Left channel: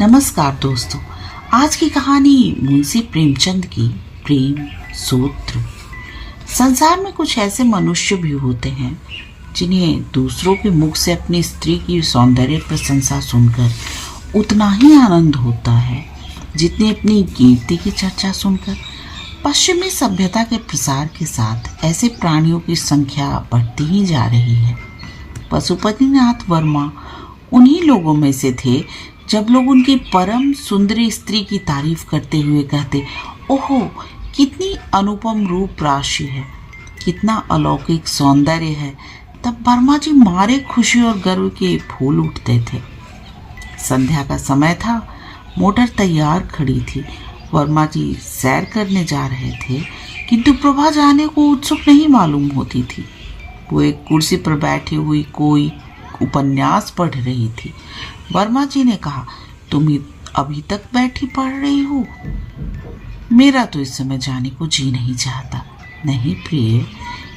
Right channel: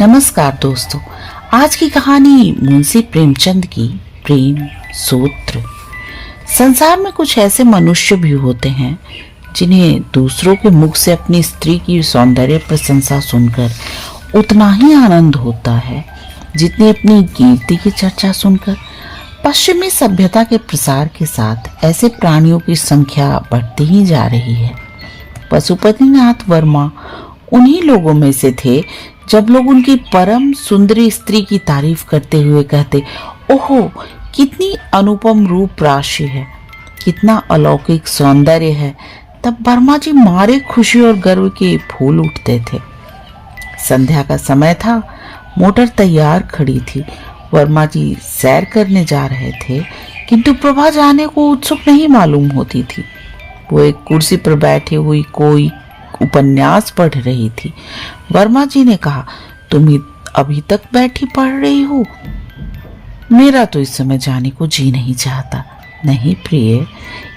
नमस्कार दोस्तों। आज की कहानी मुंशी प्रेमचंद की प्रेम सूत्र। संसार में कुछ ऐसे मनुष्य भी होते हैं जिन्हें दूसरों के मुख से अपनी स्त्री की सौंदर्य प्रशंसा सुनकर उतना ही आनंद होता है जितनी अपनी कीर्ति की चर्चा सुनकर। पश्चिमी सभ्यता के प्रसार के साथ ऐसे प्राणियों की संख्या बढ़ती ही जा रही है। पशुपतिनाथ वर्मा उन्हीं लोगों में से थे जब लोग उनकी परम सुंदरी स्त्री की तारीफ करते हुए कहते, ओहो कितनी अनुपम रूप राशि है, कितना अलौकिक सौंदर्य है, तब वर्मा जी मारे खुशी और गर्व के फूल उठते थे। संध्या का समय था, मोटर तैयार खड़ी थी। वर्मा जी सैर करने जा रहे थे, किंतु प्रभा जाने को उत्सुक नहीं मालूम होती थी। वो एक कुर्सी पर बैठी हुई कोई उपन्यास पढ़ रही थी। वर्मा जी ने कहा, तुम अभी तक बैठी पढ़ रही हो? मेरा तो इस समय जाने को जी नहीं चाहता। नहीं प्रिय,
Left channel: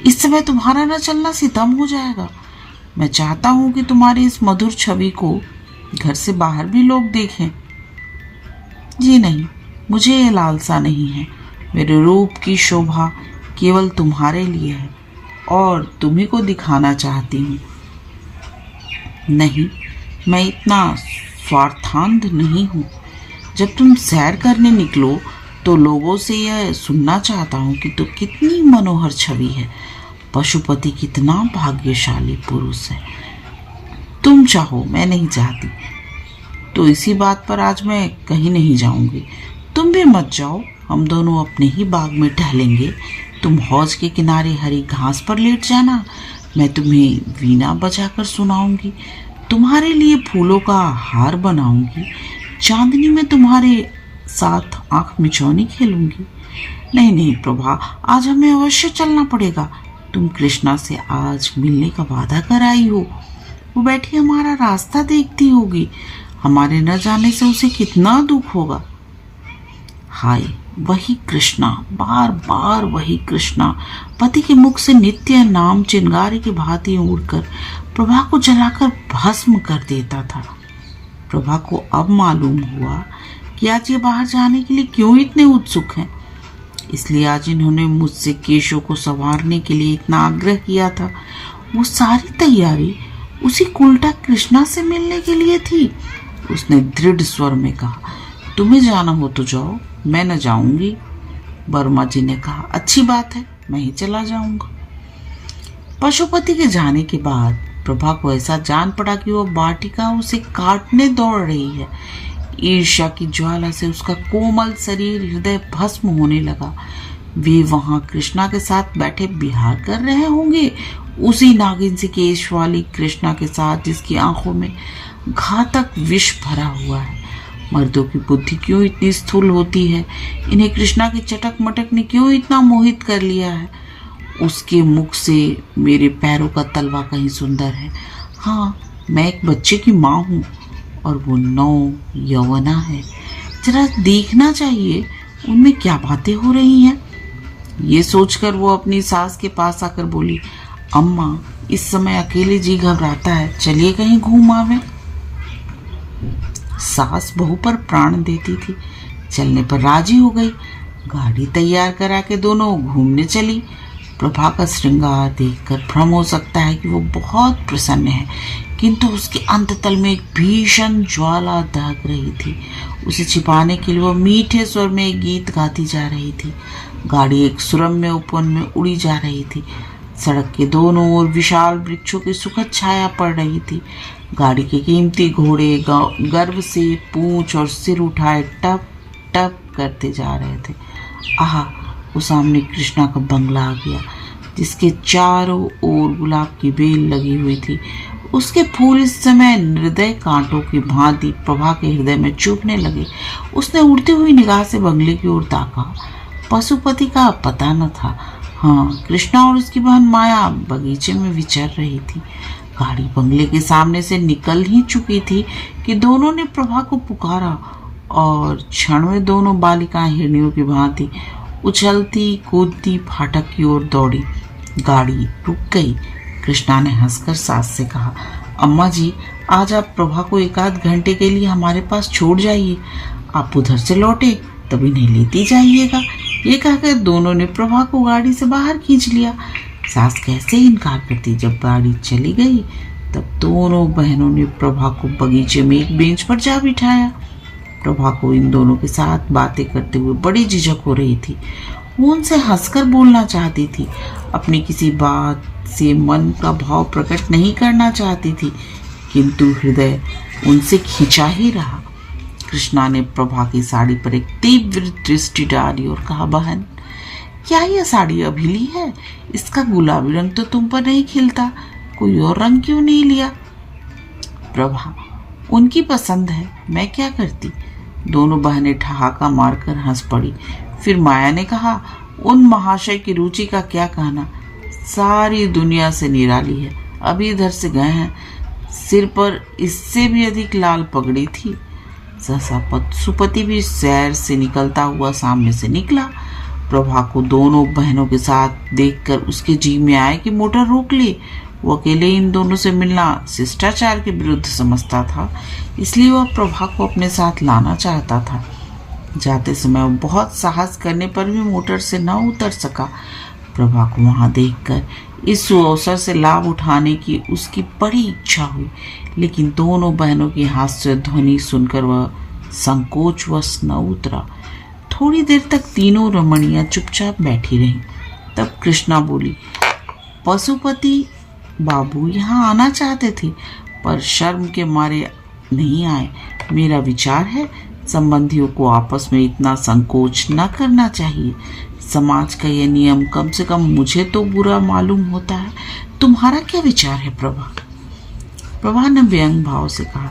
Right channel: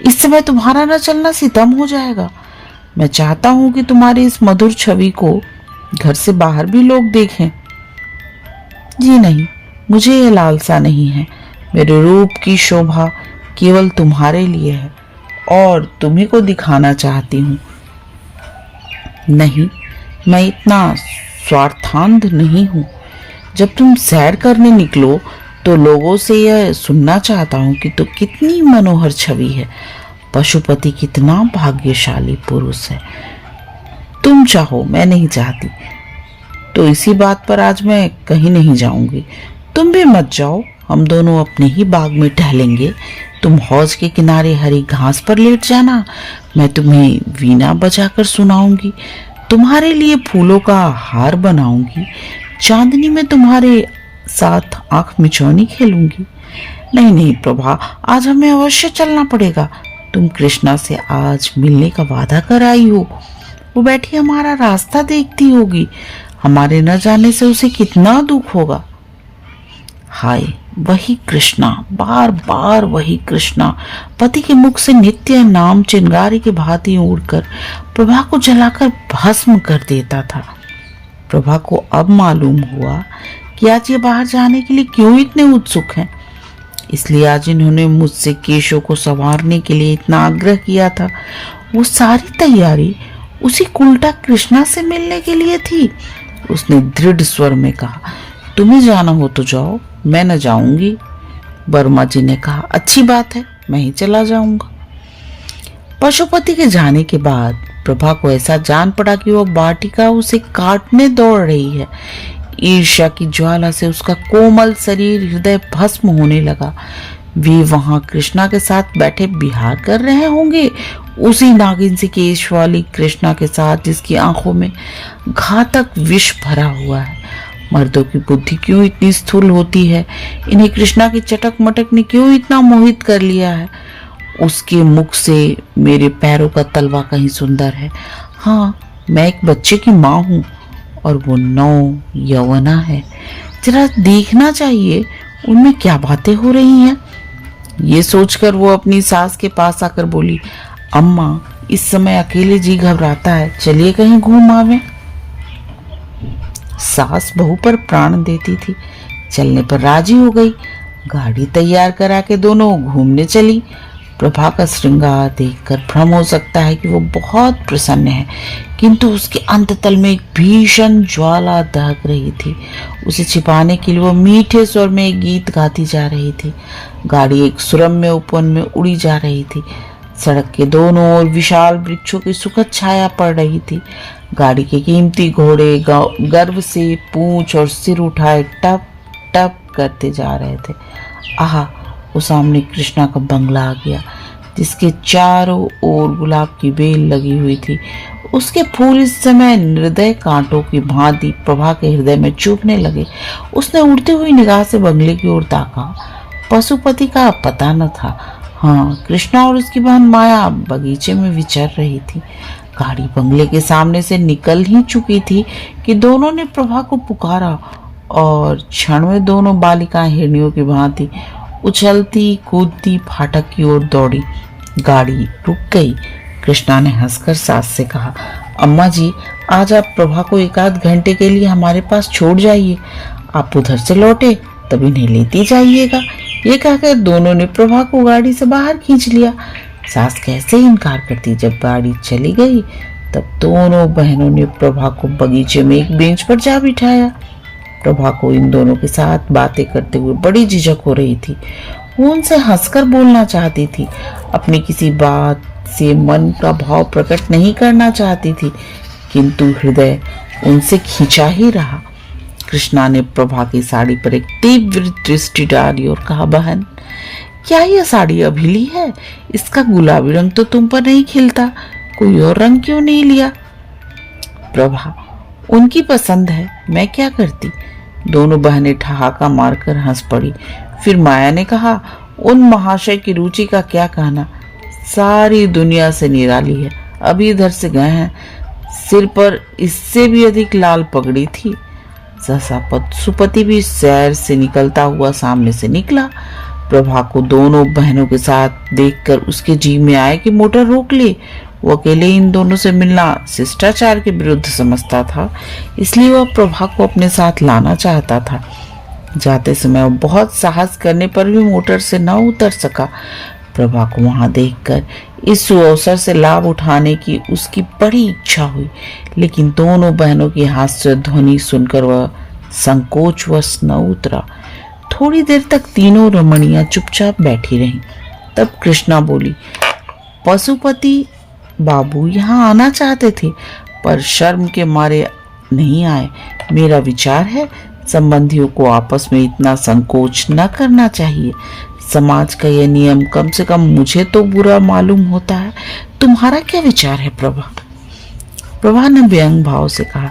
इस समय तुम्हारा न चलना सितम हो जाएगा। मैं चाहता हूं कि तुम्हारी इस मधुर छवि को घर से बाहर भी लोग देखें। जी नहीं, मुझे यह लालसा नहीं है। मेरे रूप की शोभा केवल तुम्हारे लिए है और तुम्ही को दिखाना चाहती हूँ। नहीं, मैं इतना स्वार्थांध नहीं हूँ। जब तुम सैर करने निकलो तो लोगों से यह सुनना चाहता हूँ कि तो कितनी मनोहर छवि है, पशुपति कितना भाग्यशाली पुरुष है। तुम चाहो, मैं नहीं चाहती, तो इसी बात पर आज मैं कहीं नहीं जाऊंगी। तुम भी मत जाओ, हम दोनों अपने ही बाग में टहलेंगे। तुम हौज के किनारे हरी घास पर लेट जाना, मैं तुम्हें वीणा बजाकर सुनाऊंगी, तुम्हारे लिए फूलों का हार बनाऊंगी, चांदनी में तुम्हारे साथ आंख मिचौनी खेलूंगी। नहीं नहीं प्रभा, आज हमें अवश्य चलना पड़ेगा। तुम कृष्णा से आज मिलने का वादा कर आई हो। वो बैठी हमारा रास्ता देखती होगी, हमारे न जाने से उसे कितना दुख होगा। हाय, वही कृष्णा, बार बार वही कृष्णा पति के मुख से नित्य नाम चिंगारी की भांति उड़कर प्रभा को जलाकर भस्म कर देता था। प्रभा को अब मालूम हुआ कि आज ये बाहर जाने के लिए क्यों इतने उत्सुक हैं। इसलिए आज इन्होंने मुझसे केशों को संवारने के लिए इतना आग्रह किया था। वो सारी तैयारी उसी उल्टा कृष्णा से मिलने के लिए थी। उसने दृढ़ स्वर में कहा, तुम्हें जाना हो तो जाओ, मैं न जाऊंगी। वर्मा जी ने कहा, अच्छी बात है, मैं ही चला जाऊंगा। पशुपति के जाने के बाद प्रभा को ऐसा जान पड़ा कि वह वाटिका उसे काटने दौड़ रही है। ईर्ष्या की ज्वाला से उसका कोमल शरीर हृदय भस्म होने लगा। वे वहां कृष्णा के साथ बैठे विहार कर रहे होंगे, उसी नागिन सी केश वाली कृष्णा के साथ जिसकी आंखों में घातक विष भरा हुआ है। मर्दों की बुद्धि क्यों इतनी स्थूल होती है? इन्हें कृष्णा की चटक मटक ने क्यों इतना मोहित कर लिया है? उसके मुख से मेरे पैरों का तलवा कहीं सुंदर है। हाँ, मैं एक बच्चे की माँ हूँ और वो 9 यौवना है। जरा देखना चाहिए उनमें क्या बातें हो रही हैं। ये सोचकर वो अपनी सास के पास आकर बोली, अम्मा इस समय अकेले जी घबराता है, चलिए कहीं घूम आवे। सास बहू पर प्राण देती थी, चलने पर राजी हो गई। गाड़ी तैयार करा के दोनों घूमने चली। प्रभा का श्रृंगार देखकर भ्रम हो सकता है कि वो बहुत प्रसन्न है, किंतु उसके अंततल में एक भीषण ज्वाला दहक रही थी। उसे छिपाने के लिए वो मीठे स्वर में एक गीत गाती जा रही थी। गाड़ी एक सुरम्य उपवन में उड़ी जा रही थी। सड़क के दोनों ओर विशाल वृक्षों की सुखद छाया पड़ रही थी। गाड़ी के कीमती घोड़े गर्व से पूंछ और सिर उठाए टप टप करते जा रहे थे। आहा, वो सामने कृष्णा का बंगला आ गया, जिसके चारों ओर गुलाब की बेल लगी हुई थी। उसके फूल इस समय हृदय कांटों की भांति प्रभा के हृदय में चुभने लगे। उसने उड़ती हुई निगाह से बंगले की ओर ताका। पशुपति का पता न था। हाँ, कृष्णा और उसकी बहन माया बगीचे में विचर रही थी। गाड़ी बंगले के सामने से निकल ही चुकी थी कि दोनों ने प्रभा को पुकारा और क्षण में दोनों बालिकाएं हिरनियों की भांति उछलती कूदती फाटक की ओर दौड़ी। गाड़ी रुक गई। कृष्णा ने हंसकर सास से कहा, अम्मा जी आज आप प्रभा को एक आध घंटे के लिए हमारे पास छोड़ जाइए, आप उधर से लौटे तब इन्हें लेती जाइएगा। ये कहकर दोनों ने प्रभा को गाड़ी से बाहर खींच लिया। सास कैसे इनकार करती। जब गाड़ी चली गई तब दोनों बहनों ने प्रभा को बगीचे में एक बेंच पर जा बिठाया। प्रभा को इन दोनों के साथ बातें करते हुए बड़ी झिझक हो रही थी। वो उनसे हंसकर बोलना चाहती थी, अपनी किसी बात से मन का भाव प्रकट नहीं करना चाहती थी, किंतु हृदय उनसे खिंचा ही रहा। कृष्णा ने प्रभा की साड़ी पर एक तीव्र दृष्टि डाली और कहा, बहन क्या यह साड़ी अभिली है? इसका गुलाबी रंग तो तुम पर नहीं खिलता, कोई और रंग क्यों नहीं लिया? प्रभा, उनकी पसंद है, मैं क्या करती। दोनों बहनें ठहाका मारकर हंस पड़ी। फिर माया ने कहा, उन महाशय की रुचि का क्या कहना, सारी दुनिया से निराली है। अभी इधर से गए हैं, सिर पर इससे भी अधिक लाल पगड़ी थी। सहसा सुपति भी सैर से निकलता हुआ सामने से निकला। प्रभा को दोनों बहनों के साथ देखकर उसके जी में आया कि मोटर रोक ले। वो अकेले इन दोनों से मिलना शिष्टाचार के विरुद्ध समझता था, इसलिए वह प्रभा को अपने साथ लाना चाहता था। जाते समय बहुत साहस करने पर भी मोटर से न उतर सका। प्रभा को वहां देखकर इस अवसर से लाभ उठाने की उसकी बड़ी इच्छा हुई, लेकिन दोनों बहनों की हास्य ध्वनि सुनकर वह संकोचवश न उतरा। थोड़ी देर तक तीनों रमणियां चुपचाप बैठी रहीं। तब कृष्णा बोली, पशुपति बाबू यहाँ आना चाहते थे पर शर्म के मारे नहीं आए। मेरा विचार है संबंधियों को आपस में इतना संकोच न करना चाहिए। समाज का यह नियम कम से कम मुझे तो बुरा मालूम होता है। तुम्हारा क्या विचार है प्रभा? प्रभा ने व्यंग भाव से कहा,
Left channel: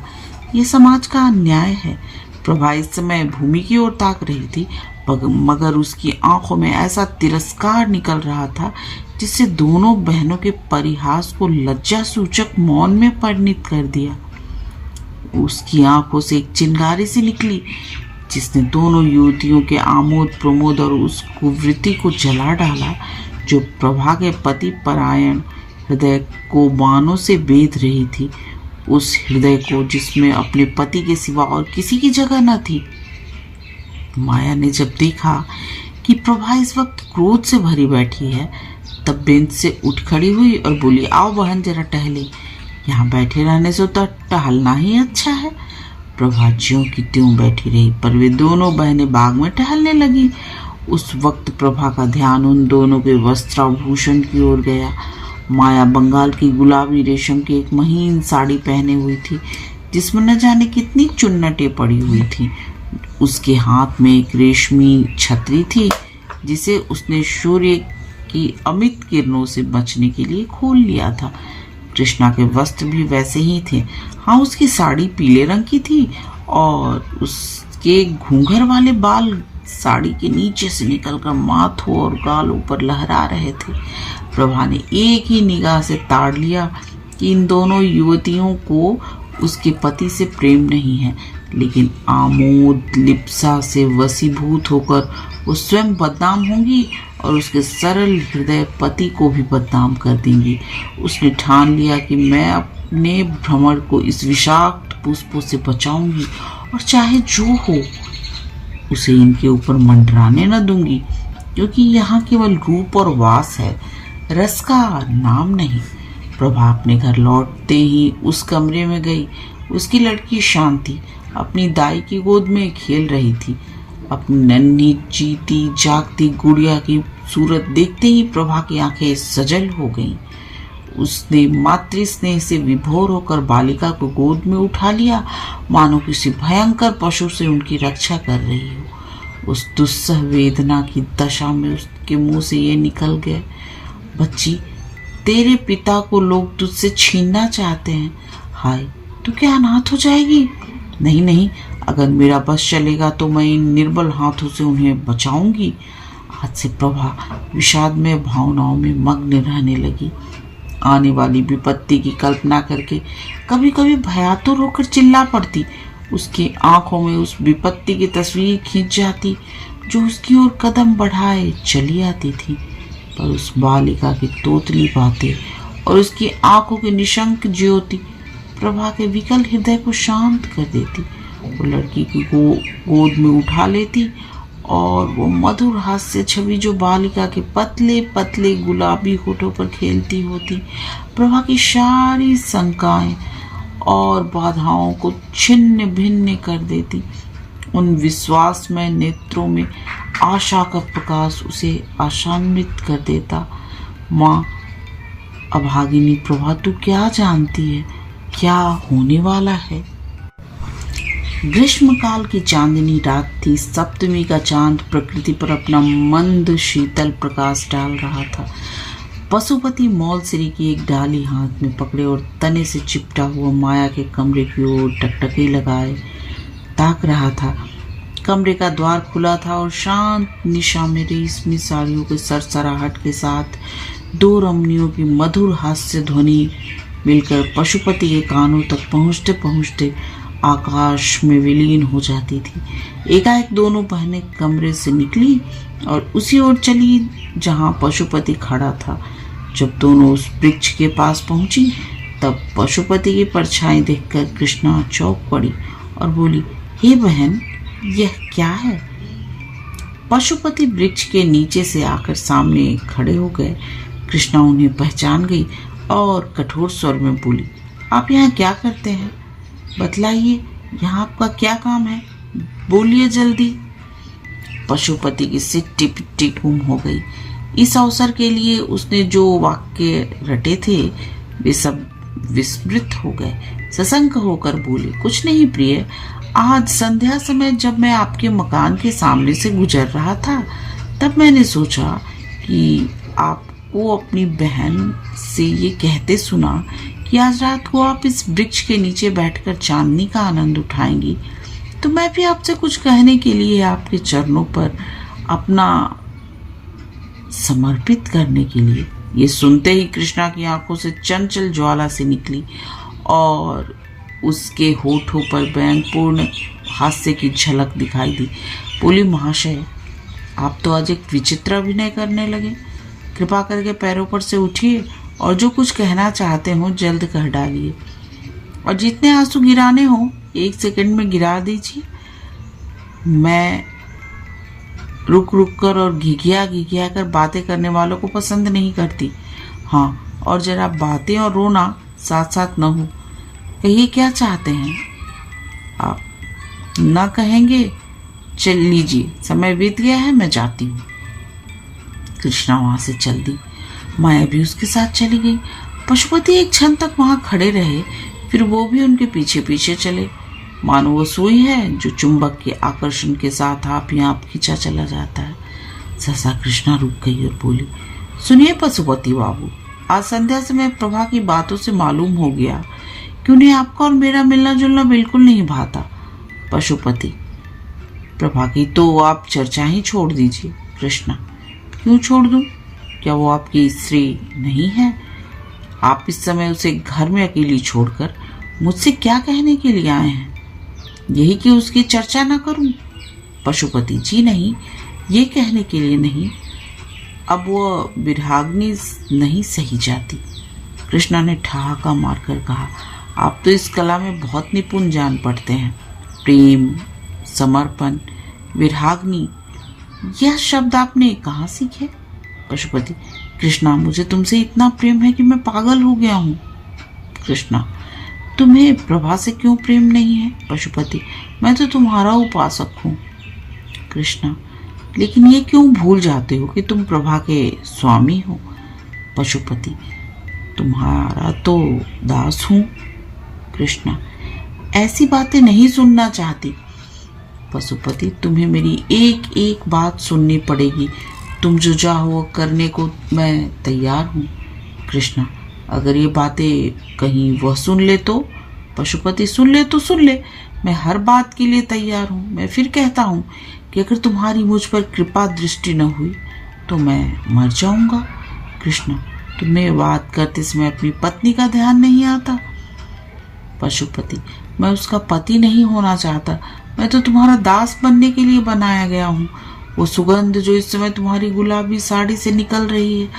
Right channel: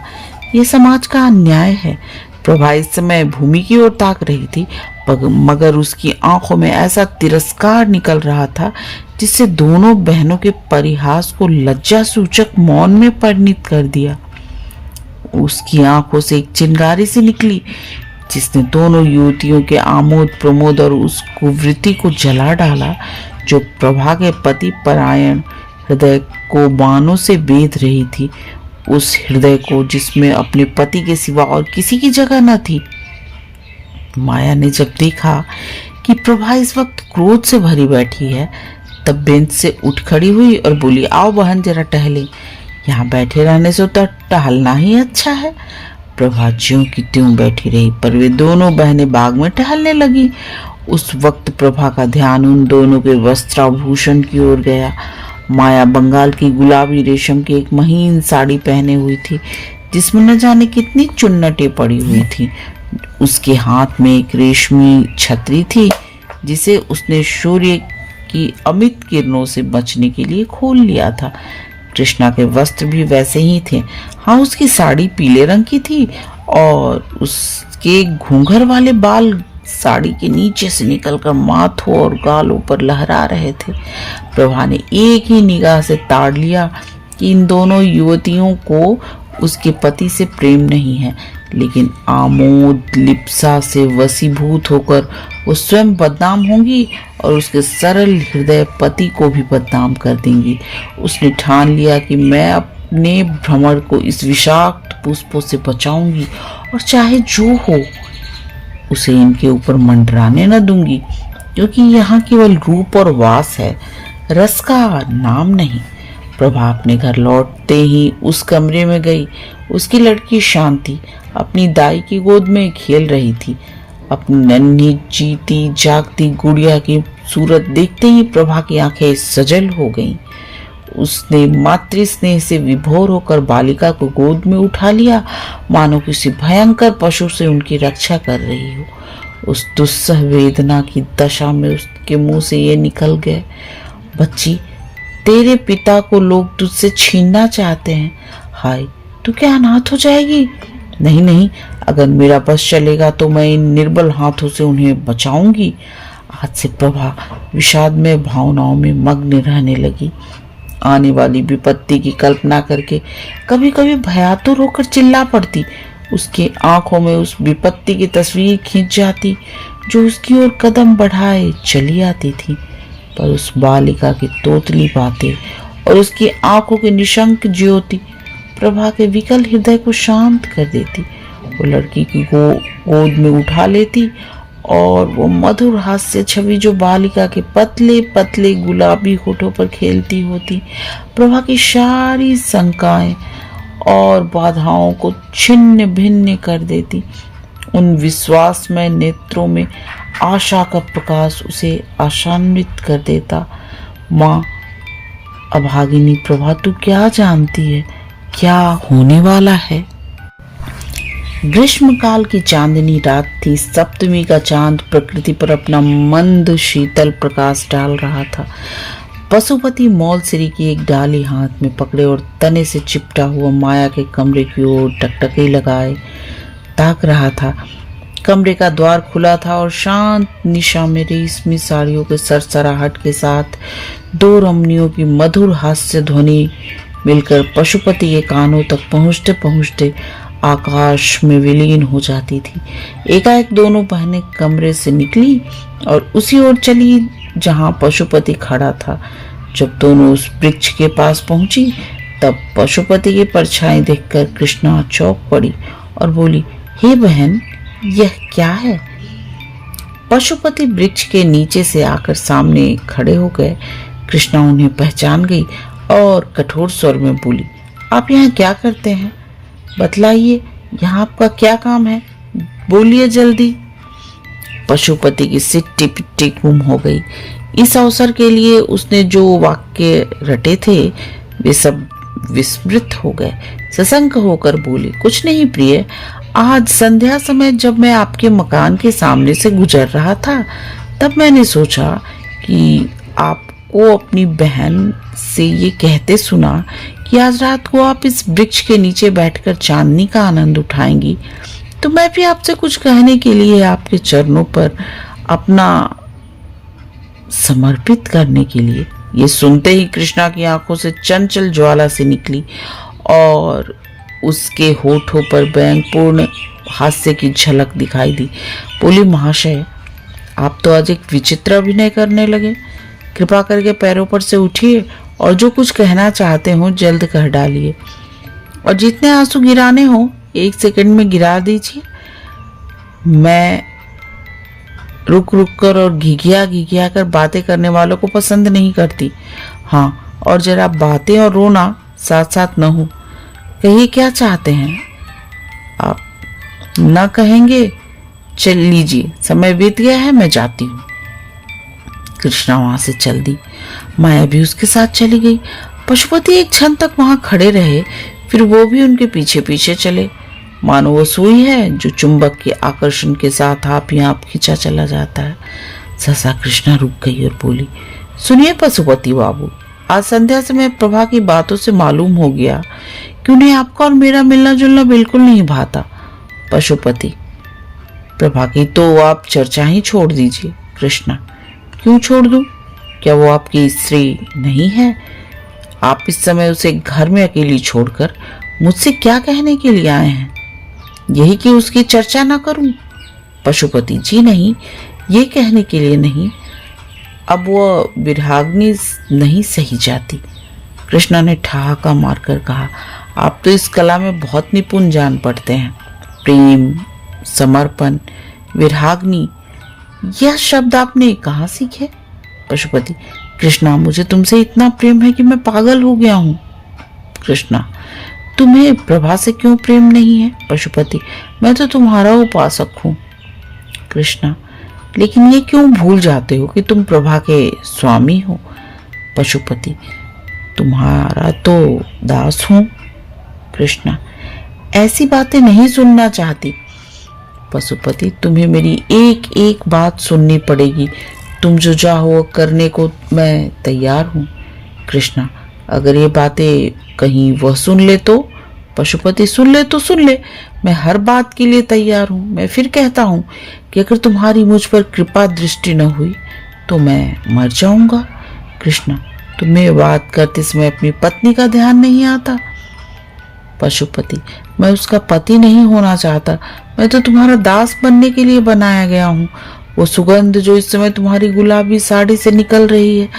यह समाज का अन्याय है। प्रभा इस समय भूमि की ओर ताक रही थी, मगर उसकी आंखों में ऐसा तिरस्कार निकल रहा था जिससे दोनों बहनों के परिहास को लज्जा सूचक मौन में परिणित कर दिया। उसकी आंखों से एक चिंगारी सी निकली जिसने दोनों युवतियों के आमोद प्रमोद और उस कुवृत्ति को जला डाला जो प्रभा के पति परायण हृदय को बाणों से बेध रही थी। उस हृदय को जिसमें अपने पति के सिवा और किसी की जगह न थी। माया ने जब देखा कि प्रभा इस वक्त क्रोध से भरी बैठी है, तब बेंच से उठ खड़ी हुई और बोली, आओ बहन जरा टहले। यहाँ बैठे रहने से तो टहलना ही अच्छा है। प्रभा ज्यों की त्यों बैठी रही, पर वे दोनों बहनें बाग में टहलने लगी। उस वक्त प्रभा का ध्यान उन दोनों के वस्त्राभूषण की ओर गया। माया बंगाल की गुलाबी रेशम की एक महीन साड़ी पहने हुई थी जिसमें न जाने कितनी चुन्नटें पड़ी हुई थी। उसके हाथ में एक रेशमी छतरी थी जिसे उसने सूर्य की अमित किरणों से बचने के लिए खोल लिया था। कृष्णा के वस्त्र भी वैसे ही थे। हाँ, उसकी साड़ी पीले रंग की थी और उसके घूंघर वाले बाल साड़ी के नीचे से निकलकर माथों और गालों पर लहरा रहे थे। प्रभा ने एक ही निगाह से ताड़ लिया कि इन दोनों युवतियों को उसके पति से प्रेम नहीं है, लेकिन आमोद लिप्सा से वशीभूत होकर वो स्वयं बदनाम होंगी और उसके सरल हृदय पति को भी बदनाम कर देंगी। उसने ठान लिया कि मैं अपने भ्रमर को इस विषाक्त पुष्पों से बचाऊंगी और चाहे जो हो उसे इनके ऊपर मंडराने न दूंगी, क्योंकि यहाँ केवल रूप और वास है, रस का नाम नहीं। प्रभा अपने घर लौटते ही उस कमरे में गई। उसकी लड़की शांति अपनी दाई की गोद में खेल रही थी। अपनी नन्ही जीती जागती गुड़िया की सूरत देखते ही प्रभा की आंखें सजल हो गईं। उसने मातृ स्नेह से विभोर होकर बालिका को गोद में उठा लिया, मानो किसी भयंकर पशु से उनकी रक्षा कर रही हो। उस दुस्सह वेदना की दशा में उसके मुंह से ये निकल गए, बच्ची, तेरे पिता को लोग तुझसे छीनना चाहते हैं। हाय, तू क्या अनाथ हो जाएगी? नहीं नहीं, अगर मेरा बस चलेगा तो मैं इन निर्बल हाथों से उन्हें बचाऊंगी। आज से प्रभा विषाद में भावनाओं में मग्न रहने लगी। आने वाली विपत्ति की कल्पना करके कभी कभी भयातुर होकर चिल्ला पड़ती। उसकी आंखों में उस विपत्ति की तस्वीर खींच जाती जो उसकी ओर कदम बढ़ाए चली आती थी। पर उस बालिका की तोतली बातें और उसकी आंखों की निशंक ज्योति प्रभा के विकल हृदय को शांत कर देती। वो लड़की की गोद में उठा लेती और वो मधुर हास्य छवि जो बालिका के पतले पतले गुलाबी होठों पर खेलती होती, प्रभा की सारी शंकाएं और बाधाओं को छिन्न भिन्न कर देती। उन विश्वासमय नेत्रों में आशा का प्रकाश उसे आशान्वित कर देता। माँ अभागिनी प्रभा, तू क्या जानती है क्या होने वाला है? ग्रीष्मकाल की चांदनी रात थी। सप्तमी का चांद प्रकृति पर अपना मंद शीतल प्रकाश डाल रहा था। पशुपति मौलसिरी की एक डाली हाथ में पकड़े और तने से चिपटा हुआ माया के कमरे की ओर टकटकी लगाए ताक रहा था। कमरे का द्वार खुला था और शांत निशा में रेशमी साड़ियों के सरसराहट के साथ दो रमणियों की मधुर हास्य ध्वनि मिलकर पशुपति के कानों तक पहुंचते पहुंचते आकाश में विलीन हो जाती थी। एकाएक दोनों बहनें कमरे से निकली और उसी ओर चली जहां पशुपति खड़ा था। जब दोनों उस वृक्ष के पास पहुंची तब पशुपति की परछाई देखकर कृष्णा चौंक पड़ी और बोली, हे बहन, यह क्या है? पशुपति वृक्ष के नीचे से आकर सामने खड़े हो गए। कृष्णा उन्हें पहचान गई और कठोर स्वर में बोली, आप यहाँ क्या करते हैं? बतलाइए, यहाँ आपका क्या काम है? बोलिए जल्दी। पशुपति की सिट्टी पिट्टी गुम हो गई। इस अवसर के लिए उसने जो वाक्य रटे थे वे सब विस्मृत हो गए। सशंक होकर बोली, कुछ नहीं प्रिय, आज संध्या समय जब मैं आपके मकान के सामने से गुजर रहा था तब मैंने सोचा कि आपको अपनी बहन से ये कहते सुना कि आज रात को आप इस वृक्ष के नीचे बैठकर चांदनी का आनंद उठाएंगी, तो मैं भी आपसे कुछ कहने के लिए आपके चरणों पर अपना समर्पित करने के लिए। ये सुनते ही कृष्णा की आंखों से चंचल ज्वाला से निकली और उसके होठों पर व्यंगपूर्ण हास्य की झलक दिखाई दी। बोली, महाशय, आप तो आज एक विचित्र अभिनय करने लगे। कृपा करके पैरों पर से उठिए और जो कुछ कहना चाहते हो जल्द कह डालिए, और जितने आंसू गिराने हो 1 सेकंड में गिरा दीजिए। मैं रुक रुक कर और घिघिया कर बातें करने वालों को पसंद नहीं करती। हाँ, और जरा बातें और रोना साथ साथ न हो। कहिए क्या चाहते हैं आप? न कहेंगे? चल लीजिए, समय बीत गया है, मैं जाती हूँ। कृष्णा वहां से चल दी। माया भी उसके साथ चली गई। पशुपति एक क्षण तक वहां खड़े रहे, फिर वो भी उनके पीछे पीछे चले। मानो वो सुई है जो चुंबक के आकर्षण के साथ आप ही आप खींचा चला जाता है। सहसा कृष्णा रुक गई और बोली, सुनिए पशुपति बाबू, आज संध्या समय प्रभा की बातों से मालूम हो गया कि उन्हें आपका और मेरा मिलना जुलना बिल्कुल नहीं भाता। पशुपति, प्रभा की तो आप चर्चा ही छोड़ दीजिए। कृष्णा, क्यों छोड़ दूं? क्या वो आपकी स्त्री नहीं है? आप इस समय उसे घर में अकेली छोड़कर मुझसे क्या कहने के लिए आए हैं? यही कि उसकी चर्चा ना करूं? पशुपति जी, नहीं, ये कहने के लिए नहीं, अब वो विराग्नि नहीं सही जाती। कृष्णा ने ठहाका मारकर कहा, आप तो इस कला में बहुत निपुण जान पड़ते हैं। प्रेम, समर्पण, विराग्नि, यह शब्द आपने कहाँ सीखे? पशुपति, कृष्णा, मुझे तुमसे इतना प्रेम है कि मैं पागल हो गया हूँ। कृष्णा, तुम्हें प्रभा से क्यों प्रेम नहीं है? पशुपति, मैं तो तुम्हारा उपासक हूँ। कृष्णा, लेकिन ये क्यों भूल जाते हो कि तुम प्रभा के स्वामी हो? पशुपति, तुम्हारा तो दास हूँ। कृष्णा, ऐसी बातें नहीं सुनना चाहती। पशुपति, तुम्हें मेरी एक एक बात सुननी पड़ेगी। तुम जो चाहो करने को मैं तैयार हूँ। कृष्णा, अगर ये बातें कहीं वह सुन ले तो? पशुपति, सुन ले तो सुन ले, मैं हर बात के लिए तैयार हूँ। मैं फिर कहता हूँ कि अगर तुम्हारी मुझ पर कृपा दृष्टि न हुई तो मैं मर जाऊंगा। कृष्णा, तुम्हें बात करते समय अपनी पत्नी का ध्यान नहीं आता? पशुपति, मैं उसका पति नहीं होना चाहता, मैं तो तुम्हारा दास बनने के लिए बनाया गया हूँ। वो सुगंध जो इस समय तुम्हारी गुलाबी साड़ी से निकल रही है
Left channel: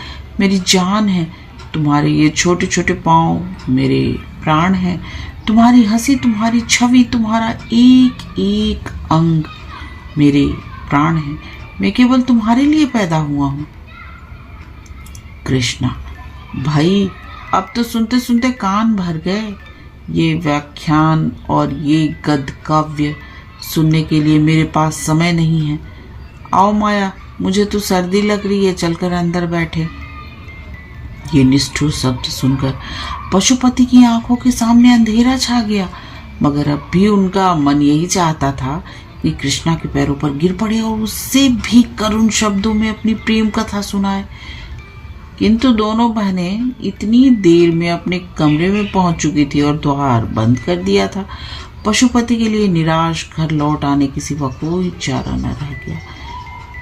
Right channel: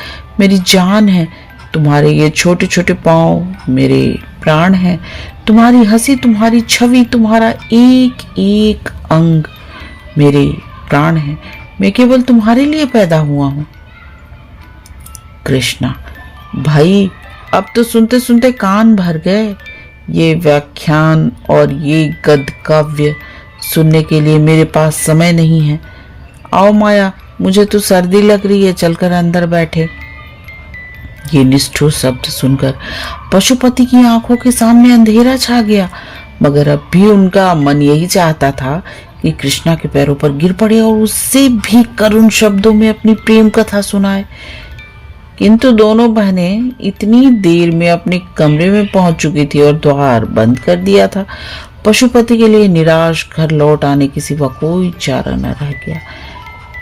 मेरी जान है। तुम्हारे ये छोटे छोटे पाँव मेरे प्राण हैं। तुम्हारी हंसी, तुम्हारी छवि, तुम्हारा एक एक अंग मेरे प्राण है। मैं केवल तुम्हारे लिए पैदा हुआ हूं। कृष्णा, भाई अब तो सुनते सुनते कान भर गए। ये व्याख्यान और ये गद्य काव्य सुनने के लिए मेरे पास समय नहीं है। आओ माया, मुझे तो सर्दी लग रही है, चलकर अंदर बैठे। ये निष्ठुर शब्द सुनकर पशुपति की आंखों के सामने अंधेरा छा गया, मगर अब भी उनका मन यही चाहता था कि कृष्णा के पैरों पर गिर पड़े और उससे भी करुण शब्दों में अपनी प्रेम कथा सुनाए। किंतु दोनों बहनें इतनी देर में अपने कमरे में पहुंच चुकी थी और द्वार बंद कर दिया था। पशुपति के लिए निराश घर लौट आने के सिवा कोई चारा न रह गया।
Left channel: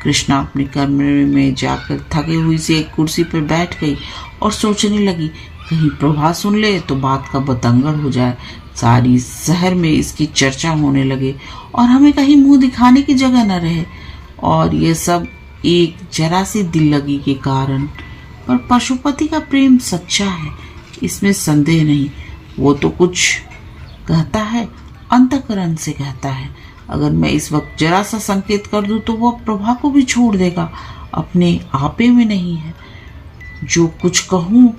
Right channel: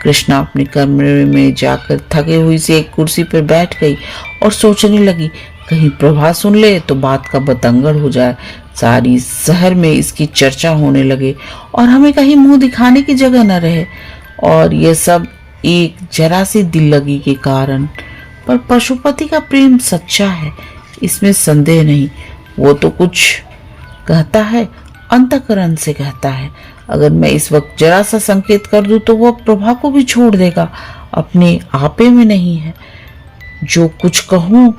कृष्णा अपने कमरे में जाकर थकी हुई से एक कुर्सी पर बैठ गई और सोचने लगी, कहीं प्रभा सुन ले तो बात का बतंगड़ हो जाए, सारी शहर में इसकी चर्चा होने लगे और हमें कहीं मुंह दिखाने की जगह न रहे। और यह सब एक जरा सी दिल लगी के कारण। पर पशुपति का प्रेम सच्चा है, इसमें संदेह नहीं। वो तो कुछ कहता है, अंतःकरण से कहता है। अगर मैं इस वक्त जरा सा संकेत कर दूं तो वह प्रभा को भी छोड़ देगा, अपने आपे में नहीं है। जो कुछ कहूं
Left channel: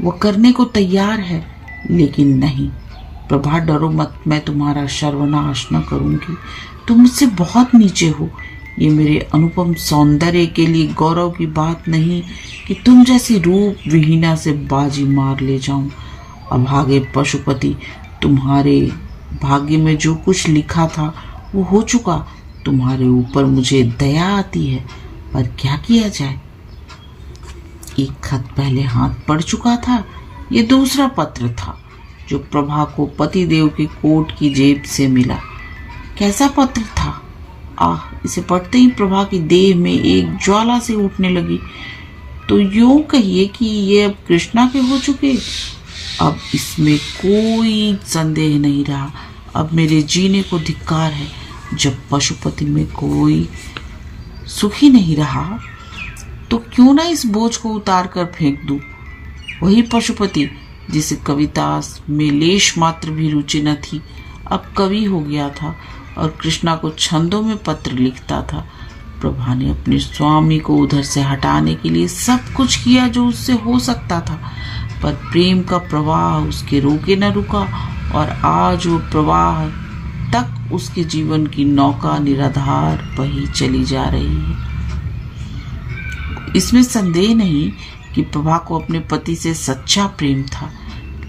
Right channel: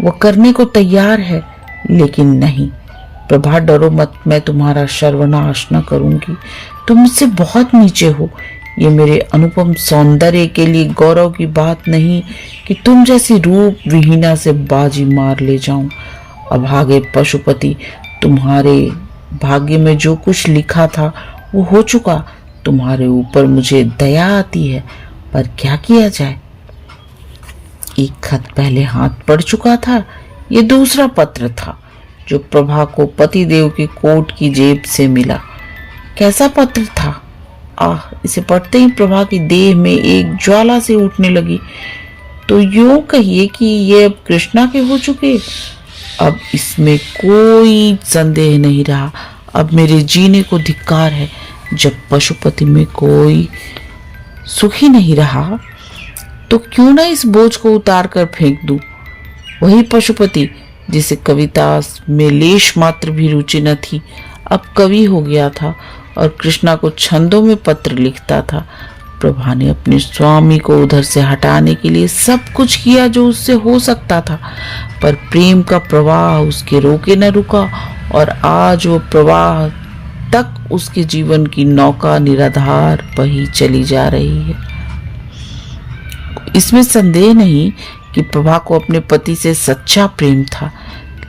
वो करने को तैयार है, लेकिन नहीं प्रभा, डरो मत, मैं तुम्हारा सर्वनाश न करूंगी। तुम मुझसे बहुत नीचे हो। ये मेरे अनुपम सौंदर्य के लिए गौरव की बात नहीं कि तुम जैसी रूप विहीना से बाजी मार ले जाऊं। अभागे पशुपति, तुम्हारे भाग्य में जो कुछ लिखा था वो हो चुका। तुम्हारे ऊपर मुझे दया आती है, पर क्या किया जाए। एक खत पहले हाथ पड़ चुका था, ये दूसरा पत्र था जो प्रभा को पतिदेव की कोट की जेब से मिला। कैसा पत्र था! आह, इसे पढ़ते ही प्रभा की देह में एक ज्वाला से उठने लगी। तो यूं कहिए कि ये अब कृष्णा के हो चुके। अब इसमें कोई संदेह नहीं रहा। अब मेरे जीने को धिक्कार है। जब पशुपति में कोई सुख ही नहीं रहा तो क्यों ना इस बोझ को उतार कर फेंक दूं। वही पशुपति जिसे कविता में लेश मात्र भी रुचि न थी, अब कवि हो गया था और कृष्णा को छंदों में पत्र लिखता था। प्रभा ने अपने स्वामी को उधर से हटाने के लिए सब कुछ किया जो उससे हो सकता था, पर प्रेम का प्रवाह उसके रोके न रुका और आज वो प्रवाह तक उसके जीवन की नौका निराधार बही चली जा रही है। इसमें संदेह नहीं कि प्रभा को अपने पति से सच्चा प्रेम था,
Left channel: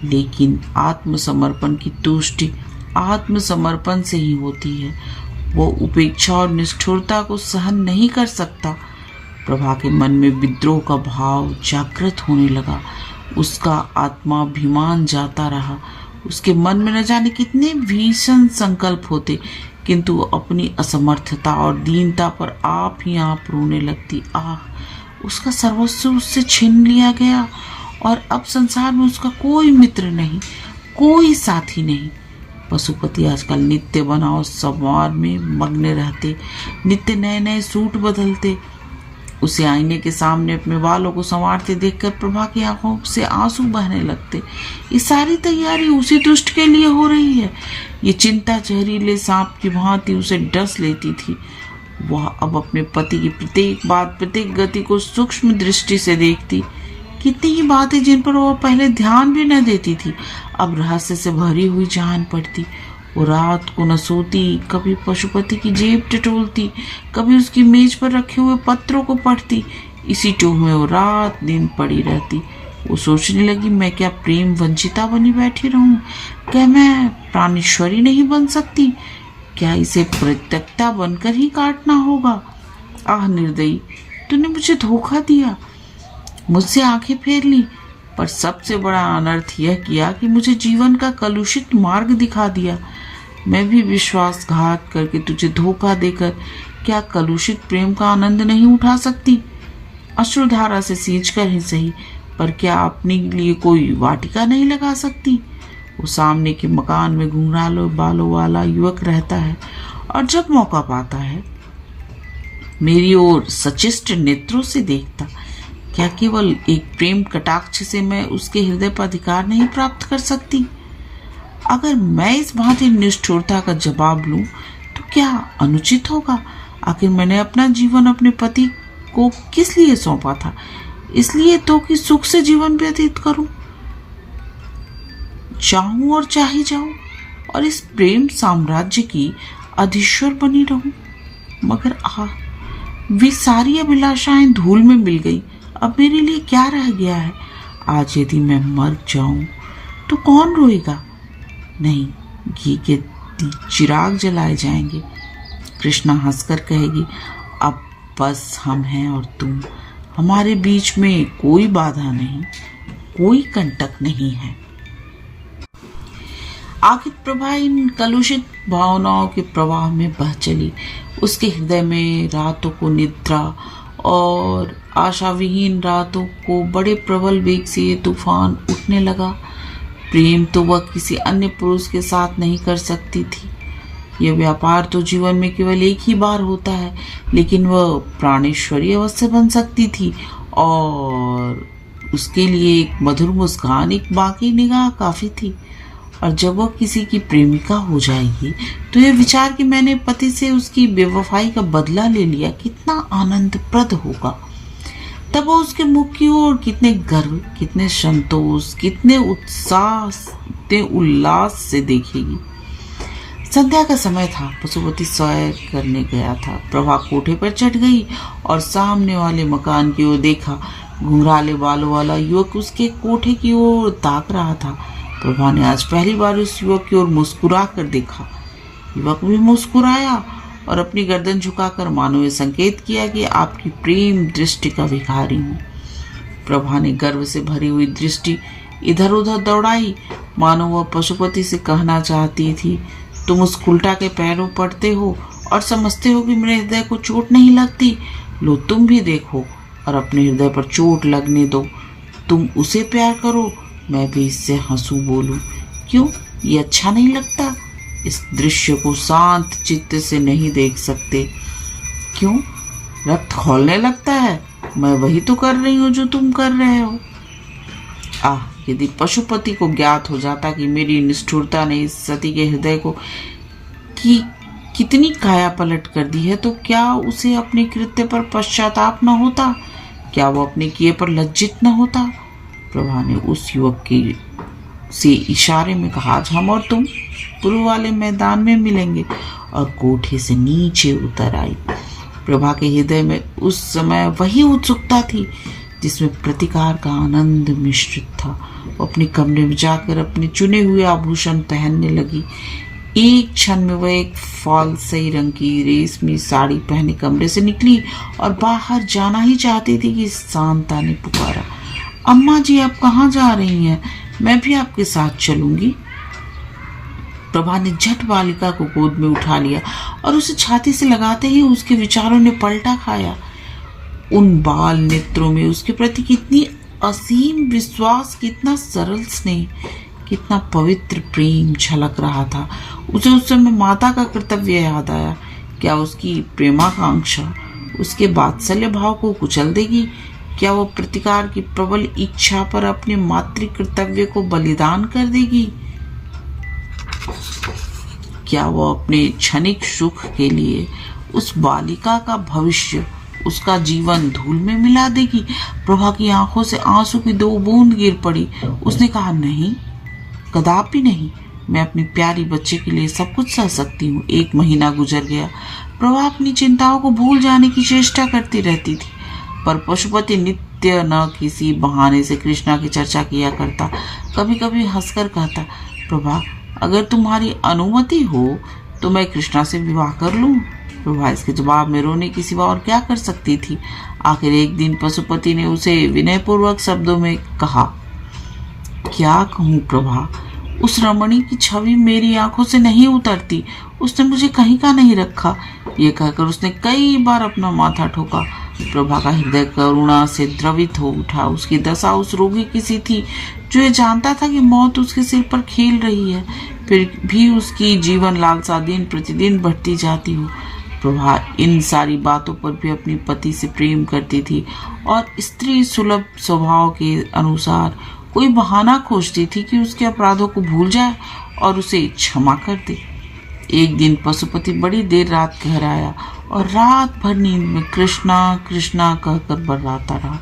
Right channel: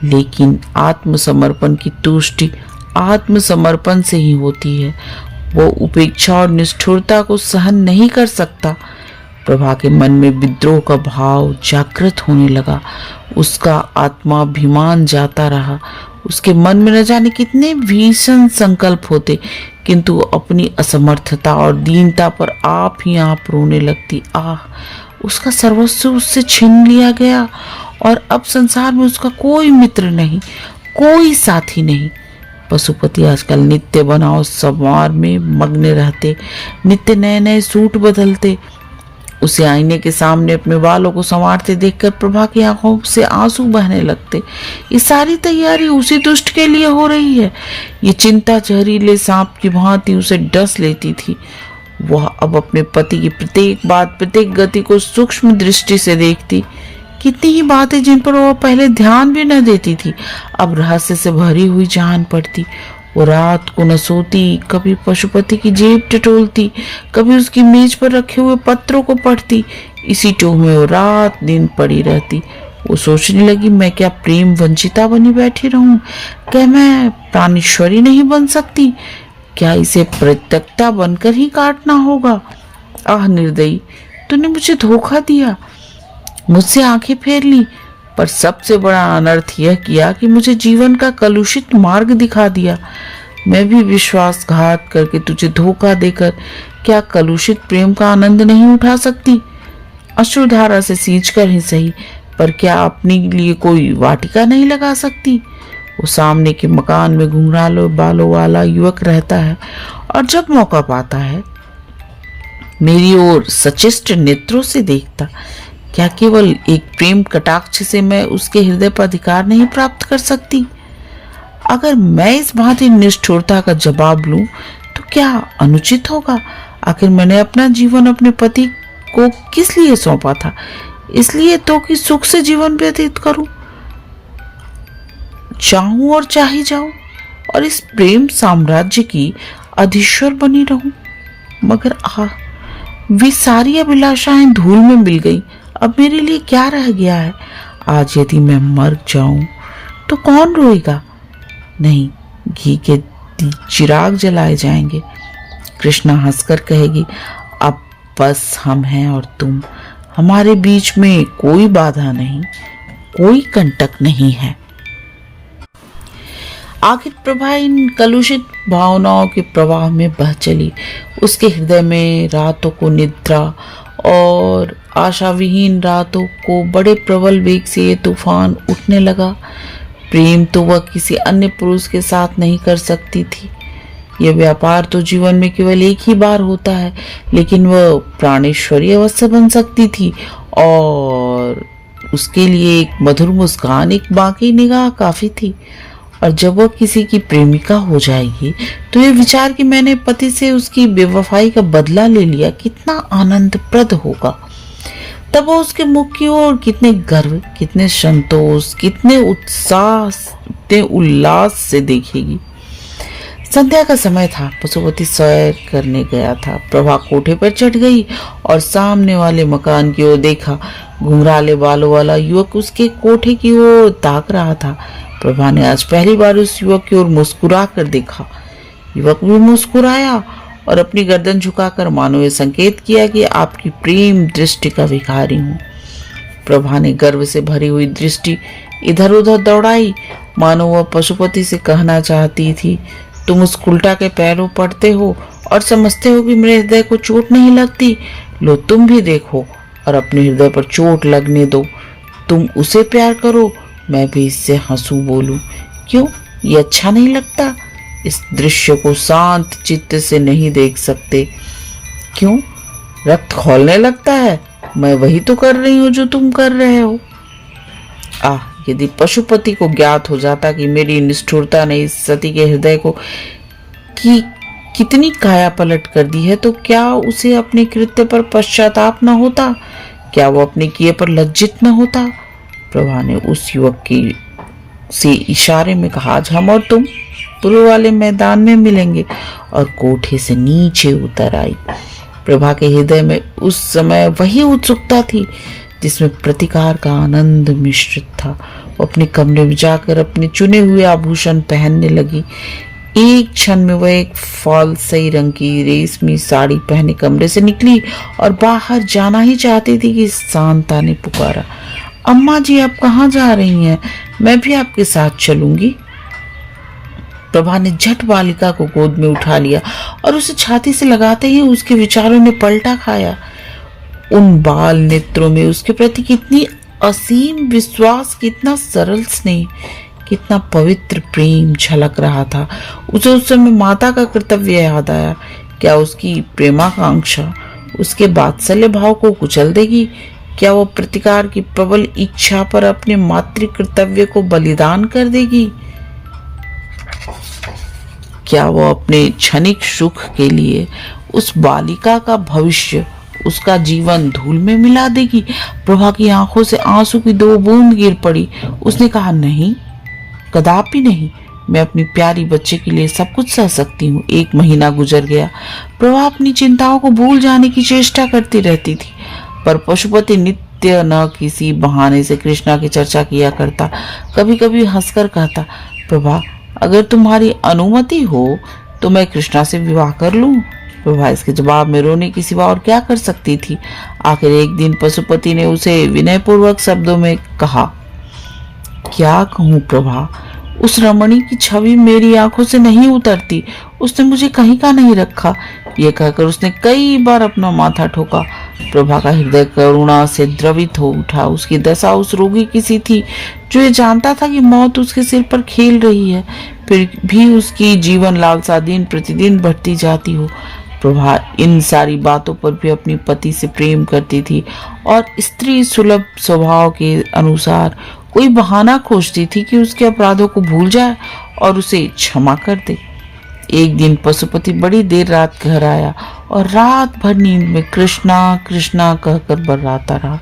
लेकिन आत्मसमर्पण की तुष्टि आत्मसमर्पण से ही होती है। वो उपेक्षा और निष्ठुरता को सहन नहीं कर सकता। प्रभा के मन में विद्रोह का भाव जागृत होने लगा। उसका आत्माभिमान जाता रहा। उसके मन में न जाने कितने भीषण संकल्प होते, किंतु अपनी असमर्थता और दीनता पर आप ही आप रोने लगती। आह, उसका सर्वस्व उससे छीन लिया गया और अब संसार में उसका कोई मित्र नहीं, कोई साथी नहीं। पशुपति आजकल नित्य बनाओ संवार में मग्न रहते, नित्य नए नए सूट बदलते। उसे आईने के सामने अपने बालों को संवारते देखकर प्रभा की आंखों से आंसू बहने लगते। ये सारी तैयारी उसी दुष्ट के लिए हो रही है। ये चिंता जहरीले सांप की भांति उसे डस लेती थी। वह अब अपने पति की प्रत्येक बात, प्रत्येक गति को सूक्ष्म दृष्टि से देखती। कितनी ही बातें जिन पर वह पहले ध्यान भी न देती थी, अब रहस्य से भरी हुई जान पड़ती। वो रात को न सोती, कभी पशुपति की जेब टटोलती, कभी उसकी मेज पर रखे हुए पत्रों को पढ़ती। इसी टोह में वो रात दिन पड़ी रहती। वो सोचने लगी, मैं क्या प्रेम वंचिता बनी बैठी रहूं? क्या मैं प्राणेश्वरी नहीं बन सकती? क्या इसे प्रत्यक्ता बनकर ही काटना होगा? आह निर्दयी, तूने मुझे धोखा दिया, मुझसे आंखें फेर ली, पर सबसे बड़ा अनर्थ यह किया कि मुझे जीवन का कलुषित मार्ग दिखा दिया। मैं भी विश्वासघात करके तुझे धोखा देकर क्या कलुषित प्रेम का आनंद नहीं उठा सकती? अश्रुधारा से सींचकर ही सही, पर क्या अपने लिए कोई वाटिका नहीं लगा सकती? वो सामने के मकान में घुंघराले बालों वाला युवक रहता है और जब मौका पाता है मेरी ओर सचेष्ट नेत्रों से देखता। क्या केवल एक प्रेम कटाक्ष से मैं उसके हृदय पर अधिकार नहीं प्राप्त कर सकती? अगर मैं इस भांति निष्ठुरता का जवाब लूं तो क्या अनुचित होगा? आखिर मैंने अपना जीवन अपने पति को किस लिए सौंपा था? इसलिए तो कि सुख से जीवन व्यतीत करूं, चाहूं और चाही जाऊं और इस प्रेम साम्राज्य की अधीश्वर बनी रहूं। मगर वे सारी अभिलाषाएं धूल में मिल गई। अब मेरे लिए क्या रह गया है? आज यदि मैं मर जाऊं तो कौन रोएगा? नहीं, घी के चिराग जलाए जाएंगे। कृष्णा हंसकर कहेगी, अब बस हम हैं और तुम, हमारे बीच में कोई बाधा नहीं, कोई कंटक नहीं है। आखिर प्रभा इन कलुषित भावनाओं के प्रवाह में बह चली। उसके हृदय में रातों को निद्रा और आशाविहीन रातों को बड़े प्रबल वेग से ये तूफान उठने लगा। प्रेम तो वह किसी अन्य पुरुष के साथ नहीं कर सकती थी। यह व्यापार तो जीवन में केवल एक ही बार होता है, लेकिन वह प्राणेश्वरी अवश्य बन सकती थी और उसके लिए एक मधुर मुस्कान, एक बाकी निगाह काफी थी। और जब वह किसी की प्रेमिका हो जाएगी तो यह विचार कि मैंने पति से उसकी बेवफाई का बदला ले लिया कितना आनंदप्रद होगा। तब वह उसके मुख की ओर कितने गर्व, कितने संतोष, कितने उत्साह, कितने उल्लास से देखेगी। संध्या का समय था। पशुपति सैर करने गया था। प्रभा कोठे पर चढ़ गई और सामने वाले मकान की ओर देखा। घुंघराले बालों वाला युवक उसके कोठे की ओर ताक रहा था। प्रभा ने आज पहली बार उस युवक की ओर मुस्कुरा कर देखा। युवक भी मुस्कुराया और अपनी गर्दन झुकाकर मानो ये संकेत किया कि आपकी प्रेम दृष्टि का भिखारी हूं। प्रभा ने गर्व से भरी हुई दृष्टि इधर उधर दौड़ाई, मानो वह पशुपति से कहना चाहती थी, तुम उस उल्टा के पैरों पड़ते हो और समझते हो कि मेरे हृदय को चोट नहीं लगती। लो तुम भी देखो और अपने हृदय पर चोट लगने दो। तुम उसे प्यार करो, मैं भी इससे हंसू बोलूं। क्यों, ये अच्छा नहीं लगता? इस दृश्य को शांत चित्त से नहीं देख सकते? क्यों, रक्त खौलने लगता है? मैं वही तो कर रही हूं जो तुम कर रहे हो। यदि पशुपति को ज्ञात हो जाता कि मेरी निष्ठुरता ने इस सती के हृदय को कितनी काया पलट कर दी है, तो क्या उसे अपने कृत्य पर पश्चाताप न होता? क्या वो अपने किए पर लज्जित न होता? प्रभा ने उस युवक की से इशारे में कहा, आज हम और तुम पूर्व वाले मैदान में मिलेंगे, और कोठे से नीचे उतर आई। प्रभा के हृदय में उस समय वही उत्सुकता थी जिसमें प्रतिकार का आनंद मिश्रित था। वो अपने कमरे में जाकर अपने चुने हुए आभूषण पहनने लगी। एक क्षण में वह एक फालसई रंग की रेशमी साड़ी पहने कमरे से निकली और बाहर जाना ही चाहती थी कि शांता ने पुकारा, अम्मा जी आप कहाँ जा रही हैं? मैं भी आपके साथ चलूंगी। प्रभा ने झट बालिका को गोद में उठा लिया और उसे छाती से लगाते ही उसके विचारों ने पलटा खाया। उन बाल नेत्रों में उसके प्रति कितनी असीम विश्वास, कितना सरल स्नेह, कितना पवित्र प्रेम झलक रहा था। उसे उस समय माता का कर्तव्य याद आया। क्या उसकी प्रेमाकांक्षा उसके वात्सल्य भाव को कुचल देगी? क्या वो प्रतिकार की प्रबल इच्छा पर अपने मातृ कर्तव्य को बलिदान कर देगी? क्या वो अपने क्षणिक सुख के लिए उस बालिका का भविष्य, उसका जीवन धूल में मिला देगी? प्रभा की आंखों से आंसू की 2 बूंद गिर पड़ी। उसने कहा, नहीं, कदापि नहीं। मैं अपनी प्यारी बच्चे के लिए सब कुछ सह सकती हूँ। 1 महीना गुजर गया। प्रभा अपनी चिंताओं को भूल जाने की चेष्टा करती रहती थी, पर पशुपति नित्य न किसी बहाने से कृष्णा की चर्चा किया करता। कभी कभी हंसकर कहता, प्रभा अगर तुम्हारी अनुमति हो तो मैं कृष्णा से विवाह कर लूं। प्रभा इसके जवाब में रोने की सिवा और क्या कर सकती थी। आखिर एक दिन पशुपति ने उसे विनयपूर्वक शब्दों में कहा, क्या कहूँ प्रभा, उस रमणी की छवि मेरी आंखों से नहीं उतरती। उसने मुझे कहीं का नहीं रखा। ये कहकर उसने कई बार अपना माथा ठोका। प्रभा का हृदय करुणा से द्रवित हो उठा। उसकी दशा उस रोगी की सी थी जो ये जानता था कि मौत उसके सिर पर खेल रही है, फिर भी उसकी जीवन लालसा दिन प्रतिदिन बढ़ती जाती हो। प्रभा इन सारी बातों पर भी अपनी पति से प्रेम करती थी और स्त्री सुलभ स्वभाव के अनुसार कोई बहाना खोजती थी कि उसके अपराधों को भूल जाए और उसे क्षमा कर दे। एक दिन पशुपति बड़ी देर रात घर आया और रात भर नींद में कृष्णा कृष्णा कहकर बर्राता रहा।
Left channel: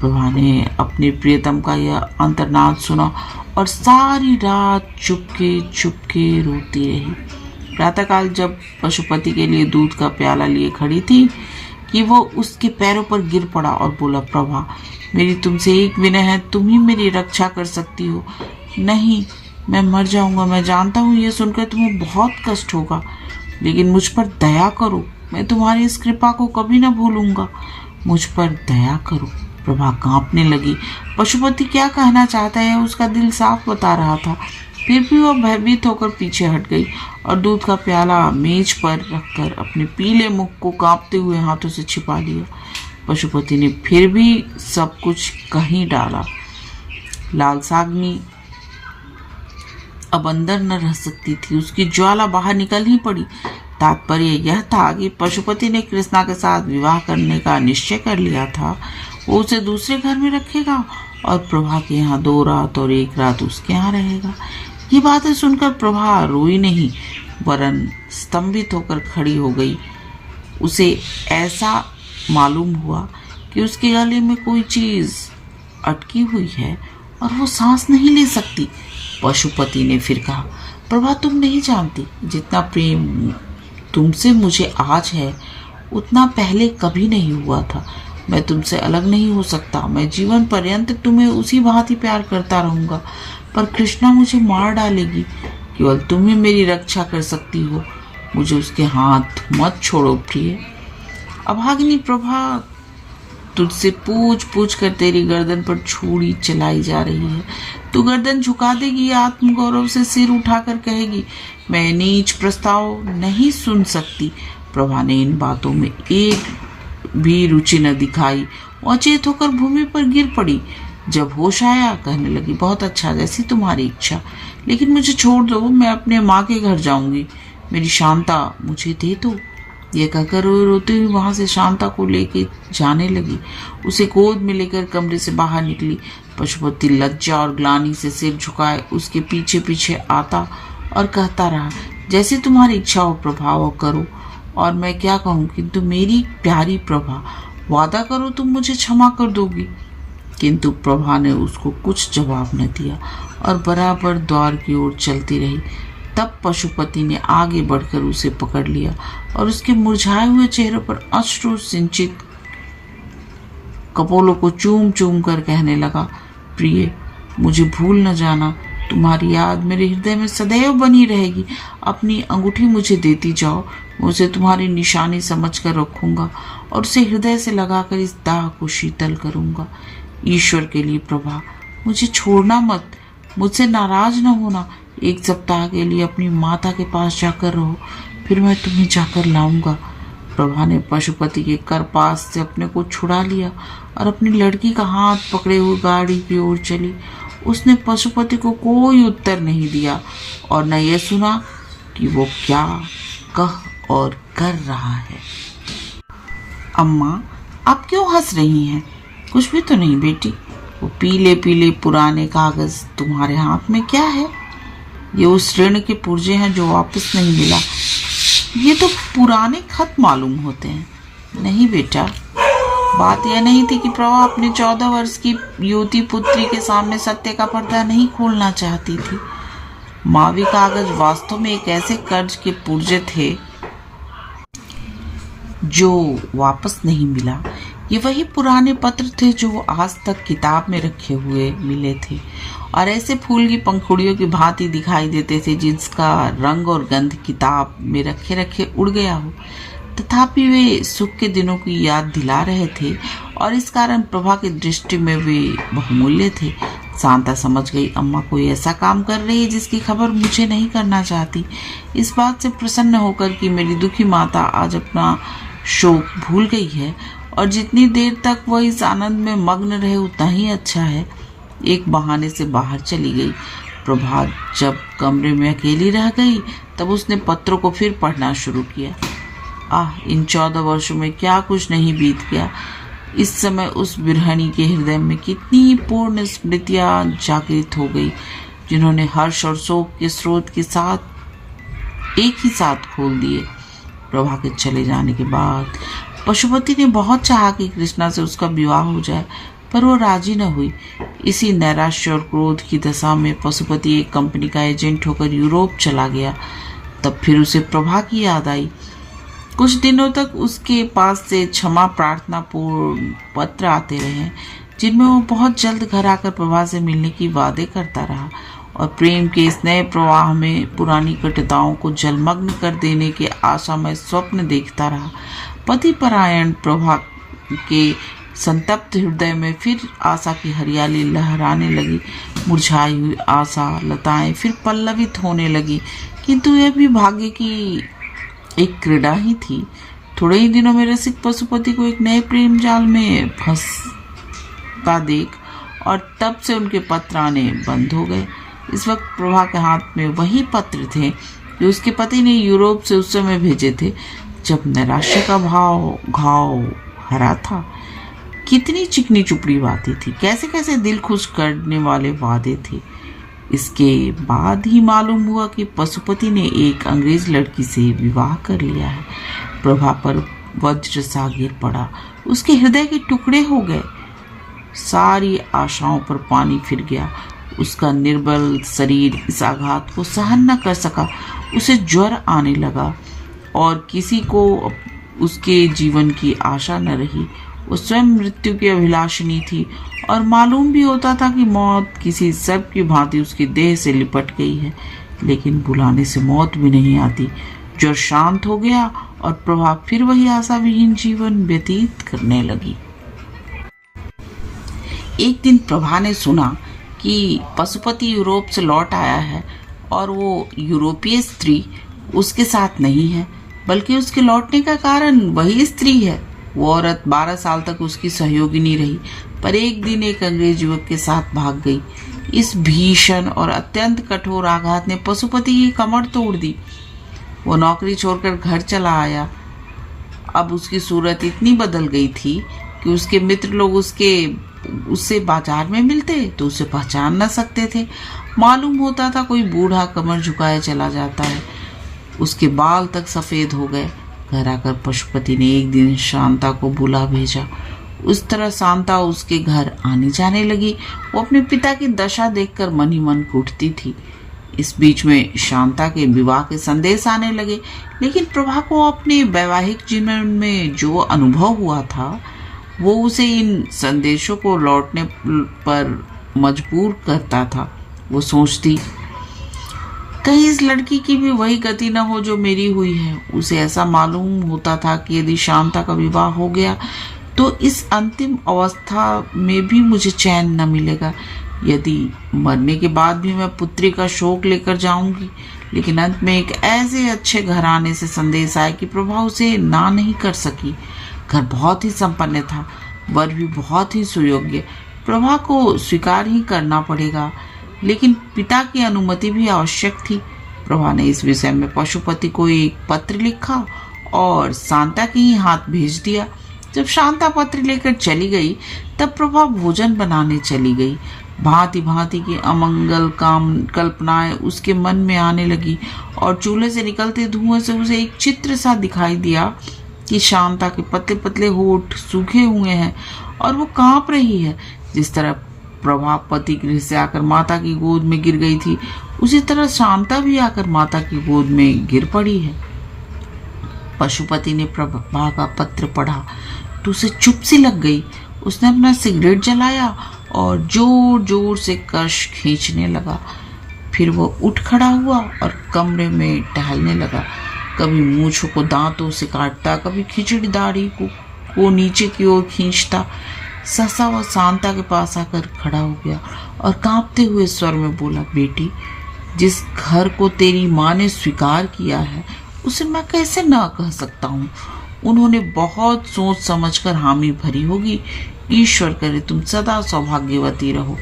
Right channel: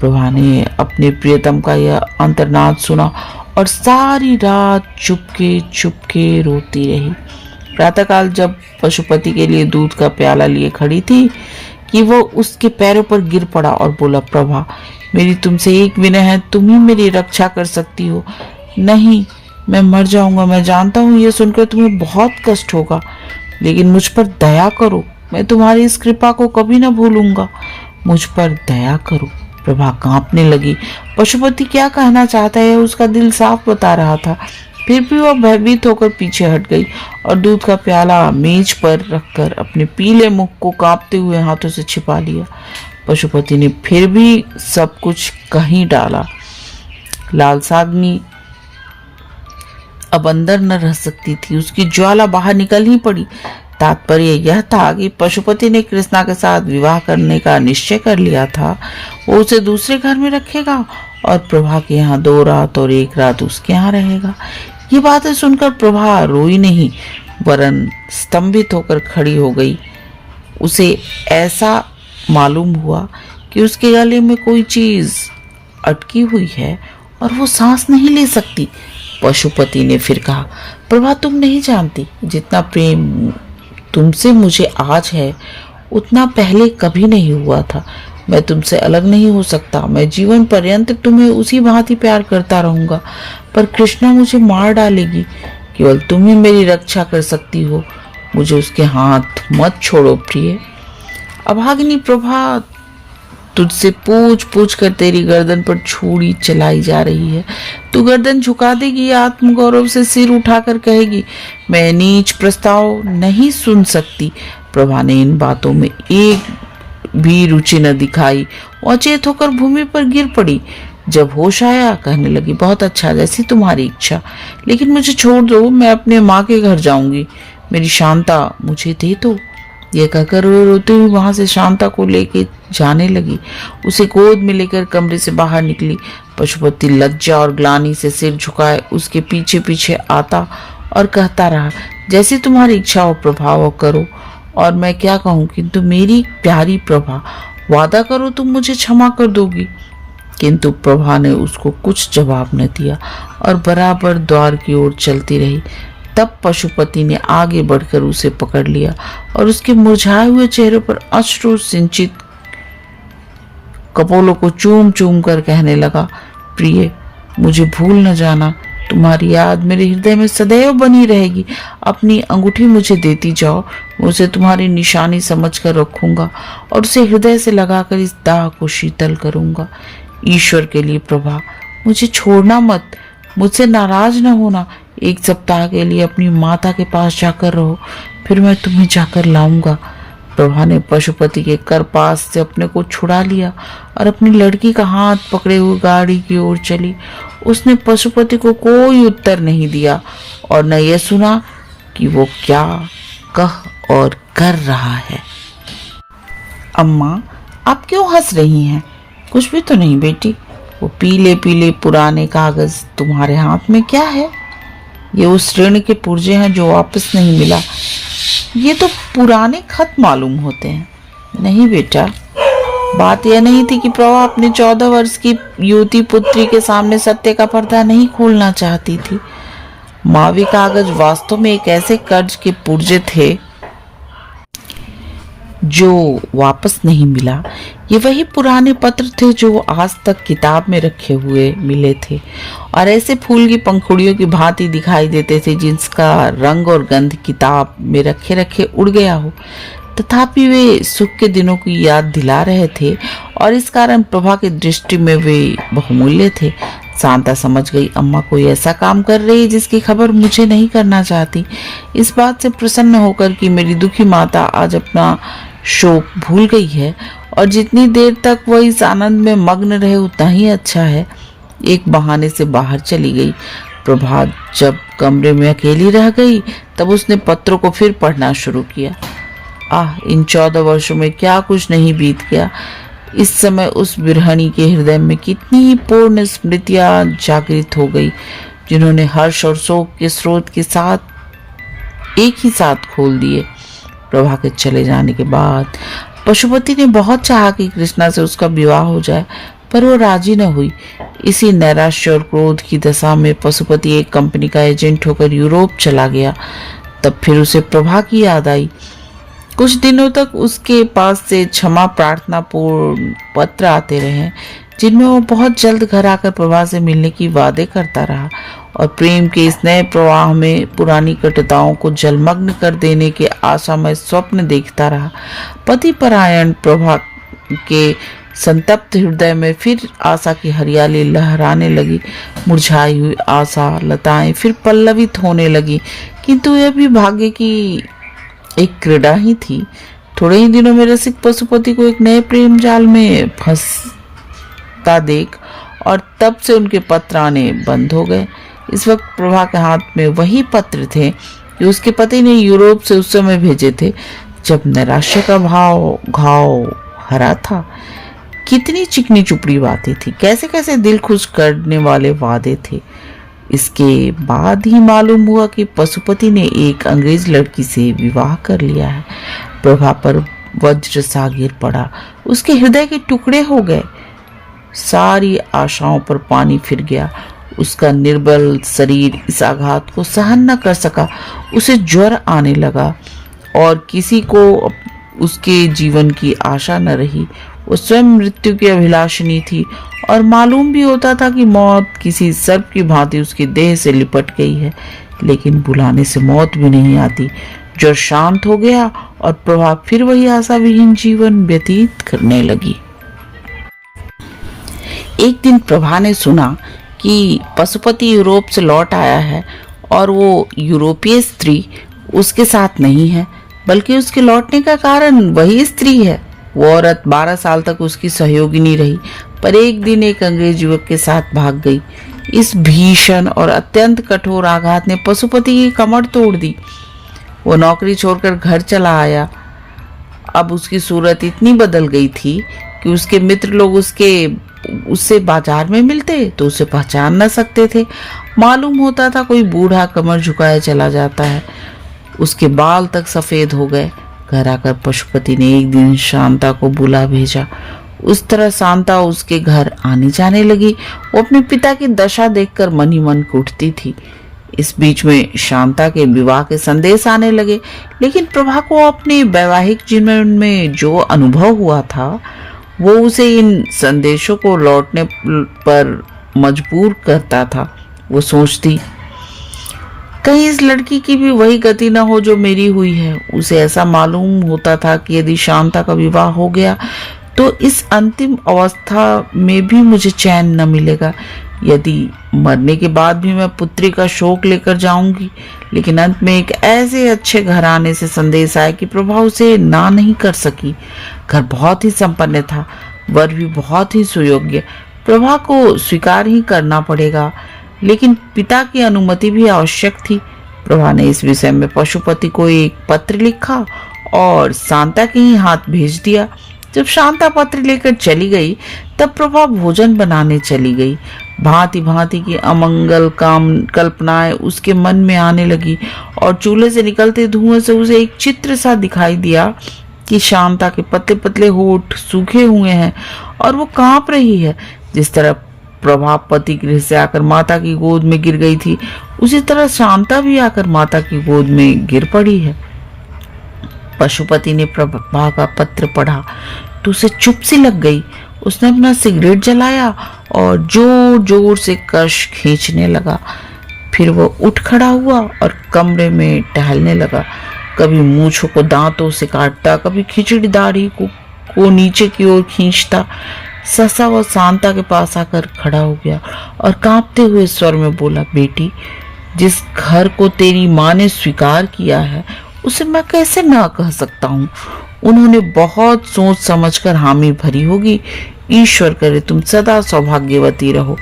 प्रभा ने अपने प्रियतम का यह अंतर्नाद सुना और सारी रात चुपके चुपके रोती रही। प्रातःकाल जब पशुपति के लिए दूध का प्याला लिए खड़ी थी कि वो उसके पैरों पर गिर पड़ा और बोला, प्रभा मेरी तुमसे एक विनय है, तुम ही मेरी रक्षा कर सकती हो। नहीं, मैं मर जाऊंगा। मैं जानता हूँ ये सुनकर तुम्हें बहुत कष्ट होगा, लेकिन मुझ पर दया करो। मैं तुम्हारी इस कृपा को कभी न भूलूंगा। मुझ पर दया करो। प्रभा कांपने लगी। पशुपति क्या कहना चाहता है उसका दिल साफ बता रहा था। फिर भी वह भयभीत होकर पीछे हट गई और दूध का प्याला मेज पर रखकर अपने पीले मुख को कांपते हुए हाथों से छिपा लिया। पशुपति ने फिर भी सब कुछ कहीं डाला। लालसाग्नि अब अंदर न रह सकती थी, उसकी ज्वाला बाहर निकल ही पड़ी। तात्पर्य यह था कि पशुपति ने कृष्णा के साथ विवाह करने का निश्चय कर लिया था। वो उसे दूसरे घर में रखेगा और प्रभा के यहाँ 2 रात और 1 रात उसके यहाँ रहेगा। ये बातें सुनकर प्रभा रोई नहीं, वरन स्तंभित होकर खड़ी हो गई। उसे ऐसा मालूम हुआ कि उसके गले में कोई चीज अटकी हुई है और वो सांस नहीं ले सकती। पशुपति ने फिर कहा, प्रभा तुम नहीं जानती, जितना प्रेम तुमसे मुझे आज है उतना पहले कभी नहीं हुआ था। मैं तुमसे अलग नहीं हो सकता। मैं जीवन पर्यंत तुम्हें उसी भांति प्यार करता रहूंगा, पर कृष्णा मुझे मार डालेगी। केवल तुम ही मेरी रक्षा कर सकती हो। मुझे उसके हाथ मत छोड़ो प्रिय। अभागिनी प्रभा तुझसे पूछ पूछ कर तेरी गर्दन पर छुरी चलाई जा रही है। तू गर्दन झुका देगी, आत्मगौरव से सिर उठाकर कहेगी, मैं नीच प्रस्ताव नहीं सुन सकती। प्रभा ने इन बातों में एक भी रुचि न दिखाई। अचेत होकर भूमि पर गिर पड़ी। जब होश आया कहने लगी, बहुत अच्छा, जैसी तुम्हारी इच्छा, लेकिन मुझे छोड़ दो। मैं अपने माँ के घर जाऊंगी। मेरी शांता मुझे दे दो। ये कहकर वो रोती हुई वहां से शांता को लेके जाने लगी। उसे गोद में लेकर कमरे से बाहर निकली। पशुपति लज्जा और ग्लानि से सिर झुकाए उसके पीछे पीछे आता और कहता रहा, जैसी तुम्हारी इच्छा हो प्रभा वो करो। और मैं क्या कहूँ, किंतु मेरी प्यारी प्रभा, वादा करो तुम मुझे क्षमा कर दोगी। किंतु प्रभा ने उसको कुछ जवाब न दिया और बराबर द्वार की ओर चलती रही। तब पशुपति ने आगे बढ़कर उसे पकड़ लिया और उसके मुरझाए हुए चेहरे पर अश्रु सिंचित कपोलों को चूम चूम कर कहने लगा, प्रिय मुझे भूल न जाना। तुम्हारी याद मेरे हृदय में सदैव बनी रहेगी। अपनी अंगूठी मुझे देती जाओ। मैं उसे तुम्हारी निशानी समझकर रखूंगा और उसे हृदय से लगाकर इस दाग को शीतल करूंगा। ईश्वर के लिए प्रभा, मुझे छोड़ना मत। मुझसे नाराज न होना। 1 सप्ताह के लिए अपनी माता के पास जाकर रहो, फिर मैं तुम्हें जाकर लाऊंगा। प्रभा ने पशुपति के करपास से अपने को छुड़ा लिया और अपनी लड़की का हाथ पकड़े हुए गाड़ी की ओर चली। उसने पशुपति को कोई उत्तर नहीं दिया और न यह सुना कि वो क्या कह और कर रहा है। अम्मा, आप क्यों हंस रही हैं? कुछ भी तो नहीं बेटी। वो पीले पीले पुराने कागज तुम्हारे हाथ में क्या है? ये उस ऋण के पुर्जे हैं जो वापस नहीं मिला। ये तो पुराने खत मालूम होते हैं। नहीं बेटा, बात यह नहीं थी कि प्रभा अपने 14 वर्ष की युवती पुत्री के सामने सत्य का पर्दा नहीं खोलना चाहती थी। मावी कागज वास्तव में एक ऐसे कर्ज के पुर्जे थे जो वापस नहीं मिला। ये वही पुराने पत्र थे जो आज तक किताब में रखे हुए मिले थे और ऐसे फूल की पंखुड़ियों की भांति दिखाई देते थे जिसका रंग और गंध किताब में रखे रखे उड़ गया हो। तथापि वे सुख के दिनों की याद दिला रहे थे और इस कारण प्रभा की दृष्टि में वे बहुमूल्य थे। शांता समझ गई, अम्मा कोई ऐसा काम कर रही है जिसकी खबर मुझे नहीं करना चाहती। इस बात से प्रसन्न होकर कि मेरी दुखी माता आज अपना शोक भूल गई है और जितनी देर तक वह इस आनंद में मग्न रहे उतना ही अच्छा है, एक बहाने से बाहर चली गई। प्रभात जब कमरे में अकेली रह गई तब उसने पत्रों को फिर पढ़ना शुरू किया। इन 14 वर्षों में क्या कुछ नहीं बीत गया। इस समय उस बिरहणी के हृदय में कितनी ही पूर्ण स्मृतियां जागृत हो गई जिन्होंने हर्ष और शोक के स्रोत के साथ एक ही साथ खोल दिए। प्रभा के चले जाने के बाद पशुपति ने बहुत चाहा कि कृष्णा से उसका विवाह हो जाए, पर वो राजी न हुई। इसी नैराश्य और क्रोध की दशा में पशुपति एक कंपनी का एजेंट होकर यूरोप चला गया। तब फिर उसे प्रभा की याद आई। कुछ दिनों तक उसके पास से क्षमा प्रार्थना पूर्ण पत्र आते रहे, जिनमें वो बहुत जल्द घर आकर प्रभा से मिलने की वादे करता रहा और प्रेम के इस नए प्रवाह में पुरानी कटुताओं को जलमग्न कर देने के आशामय स्वप्न देखता रहा। पति परायण प्रभा के संतप्त हृदय में फिर आशा की हरियाली लहराने लगी। मुरझाई हुई आशा लताएं फिर पल्लवित होने लगी, किंतु यह भी भाग्य की एक क्रीड़ा ही थी। थोड़े ही दिनों में रसिक पशुपति को एक नए प्रेम जाल में फंसता देख और तब से उनके पत्र आने बंद हो गए। इस वक्त प्रभा के हाथ में वही पत्र थे कि उसके पति ने यूरोप से उस समय भेजे थे, जब निराशा का घाव हरा था। कितनी चिकनी चुपड़ी बातें थी, कैसे कैसे दिल खुश करने वाले वादे थे। इसके बाद ही मालूम हुआ कि पशुपति ने एक अंग्रेज लड़की से विवाह कर लिया है। प्रभा पर वज्र सा गिर पड़ा, उसके हृदय के टुकड़े हो गए। सारी आशाओं पर पानी फिर गया। उसका निर्बल शरीर इस आघात को सहन न कर सका। उसे ज्वर आने लगा और किसी को उसके जीवन की आशा न रही। वो स्वयं मृत्यु की अभिलाषिनी थी और मालूम भी होता था कि मौत किसी सर्प की भांति उसकी देह से लिपट गई है, लेकिन बुलाने से मौत भी नहीं आती। ज्वर शांत हो गया और प्रभा फिर वही आशा विहीन जीवन व्यतीत करने लगी। एक दिन प्रभा ने सुना कि पशुपति यूरोप से लौट आया है और वो यूरोपीय स्त्री उसके साथ नहीं है, बल्कि उसके लौटने का कारण वही स्त्री है। वो औरत 12 साल तक उसकी सहयोगिनी रही, पर एक दिन एक अंग्रेज युवक के साथ भाग गई। इस भीषण और अत्यंत कठोर आघात ने पशुपति की कमर तोड़ दी। वो नौकरी छोड़कर घर चला आया। अब उसकी सूरत इतनी बदल गई थी कि उसके मित्र लोग उससे बाजार में मिलते तो उसे पहचान न सकते थे। मालूम होता था कोई बूढ़ा कमर झुकाए चला जाता है। उसके बाल तक सफेद हो गए। घर आकर पशुपति ने एक दिन शांता को बुला भेजा। उस तरह शांता उसके घर आने जाने लगी। वो अपने पिता की दशा देखकर मन ही मन कुटती थी। इस बीच में शांता के विवाह के संदेश आने लगे, लेकिन प्रभा को अपने वैवाहिक जीवन में जो अनुभव हुआ था वो उसे इन संदेशों को लौटने पर मजबूर करता था। वो सोचती, कहीं इस लड़की की भी वही गति न हो जो मेरी हुई है। उसे ऐसा मालूम होता था कि यदि शांता का विवाह हो गया तो इस अंतिम अवस्था में भी मुझे चैन न मिलेगा। यदि मरने के बाद भी मैं पुत्री का शोक लेकर जाऊंगी। लेकिन अंत में एक ऐसे अच्छे घराने से संदेश आया कि प्रभा उसे ना नहीं कर सकी। घर बहुत ही संपन्न था, वर भी बहुत ही सुयोग्य। प्रभा को स्वीकार ही करना पड़ेगा, लेकिन पिता की अनुमति भी आवश्यक थी। प्रभा ने इस विषय में पशुपति को एक पत्र लिखा और शांता के ही हाथ भेज दिया। जब शांता पत्र लेकर चली गई तब प्रभा भोजन बनाने चली गई। भांति भांति की अमंगल कल्पनाएं उसके मन में आने लगी और चूल्हे से निकलते धुएं से उसे एक चित्र सा दिखाई दिया कि शांता के पतले पतले होठ सूखे हुए हैं और वो कांप रही है। जिस तरह प्रभा पति गृह से आकर माता की गोद में गिर गई थी, उसी तरह शांता भी आकर माता की गोद में गिर पड़ी है। पशुपति ने प्रभा का पत्र पढ़ा तो उसे चुप सी लग गई। उसने अपना सिगरेट जलाया और जोर जोर से कश खींचने लगा। फिर वो उठ खड़ा हुआ और कमरे में टहलने लगा। कभी मूंछों को दांतों से काटता, कभी खिचड़ी दाढ़ी को नीचे की ओर खींचता। ससा वो शांता के पास आकर खड़ा हो गया और कांपते हुए स्वर में बोला, बेटी, जिस घर को तेरी माँ ने स्वीकार किया है उसे मैं कैसे ना कह सकता हूँ। उन्होंने बहुत सोच समझकर हामी भरी होगी। ईश्वर करे तुम सदा सौभाग्यवती रहो।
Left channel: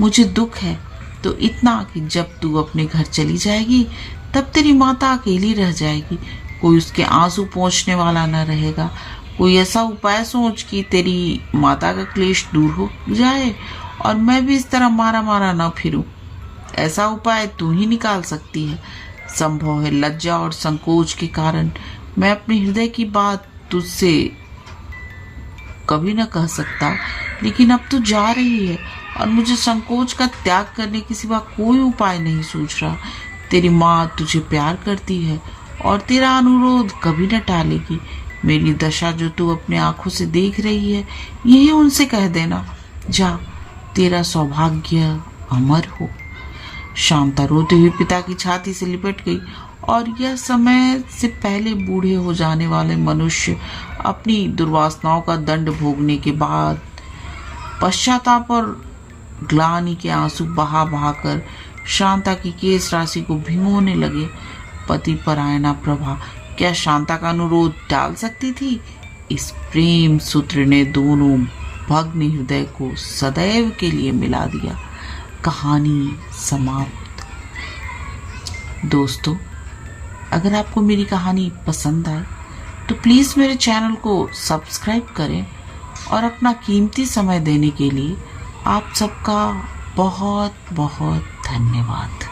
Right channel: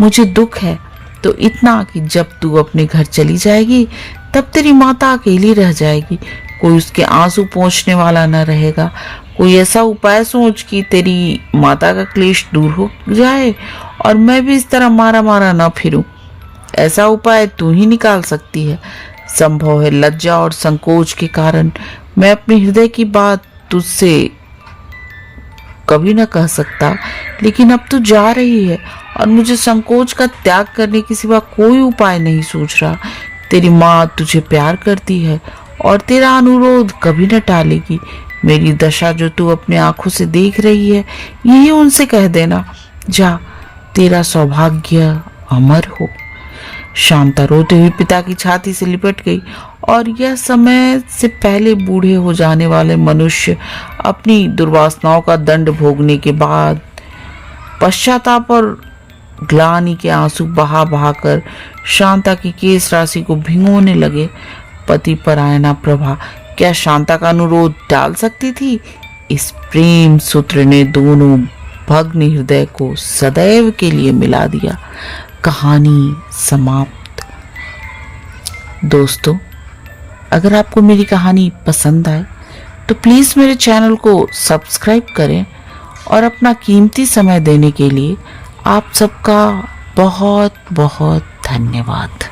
मुझे दुख है तो इतना कि जब तू अपने घर चली जाएगी तब तेरी माता अकेली रह जाएगी। कोई उसके आंसू पोंछने वाला न रहेगा। कोई ऐसा उपाय सोच कि तेरी माता का क्लेश दूर हो जाए और मैं भी इस तरह मारा मारा न फिरूं। ऐसा उपाय तू ही निकाल सकती है। संभव है लज्जा और संकोच के कारण मैं अपने हृदय की बात तुझसे कभी न कह सकता, लेकिन अब तू जा रही है और मुझे संकोच का त्याग करने के सिवा कोई उपाय नहीं सूझ रहा। तेरी माँ तुझे प्यार करती है और तेरा अनुरोध कभी न टालेगी। मेरी दशा जो तू अपने आंखों से देख रही है, यही उनसे कह देना। जा, तेरा सौभाग्य अमर हो। शांता रोते हुए पिता की छाती से लिपट गई और यह समय से पहले बूढ़े हो जाने वाले मनुष्य अपनी दुर्वासनाओं का दंड भोगने के बाद पश्चाताप और ग्लानि के आंसू बहा बहा कर शांता की केस राशि को भिगोने लगे। पति परायणा प्रभा क्या शांता का अनुरोध टाल सकती थी? इस प्रेम सूत्र ने दोनों भग्न हृदय को सदैव के लिए मिला दिया। कहानी समाप्त। दोस्तों, अगर आपको मेरी कहानी पसंद आए तो प्लीज़ मेरे चैनल को सब्सक्राइब करें और अपना कीमती समय देने के लिए आप सबका बहुत बहुत धन्यवाद।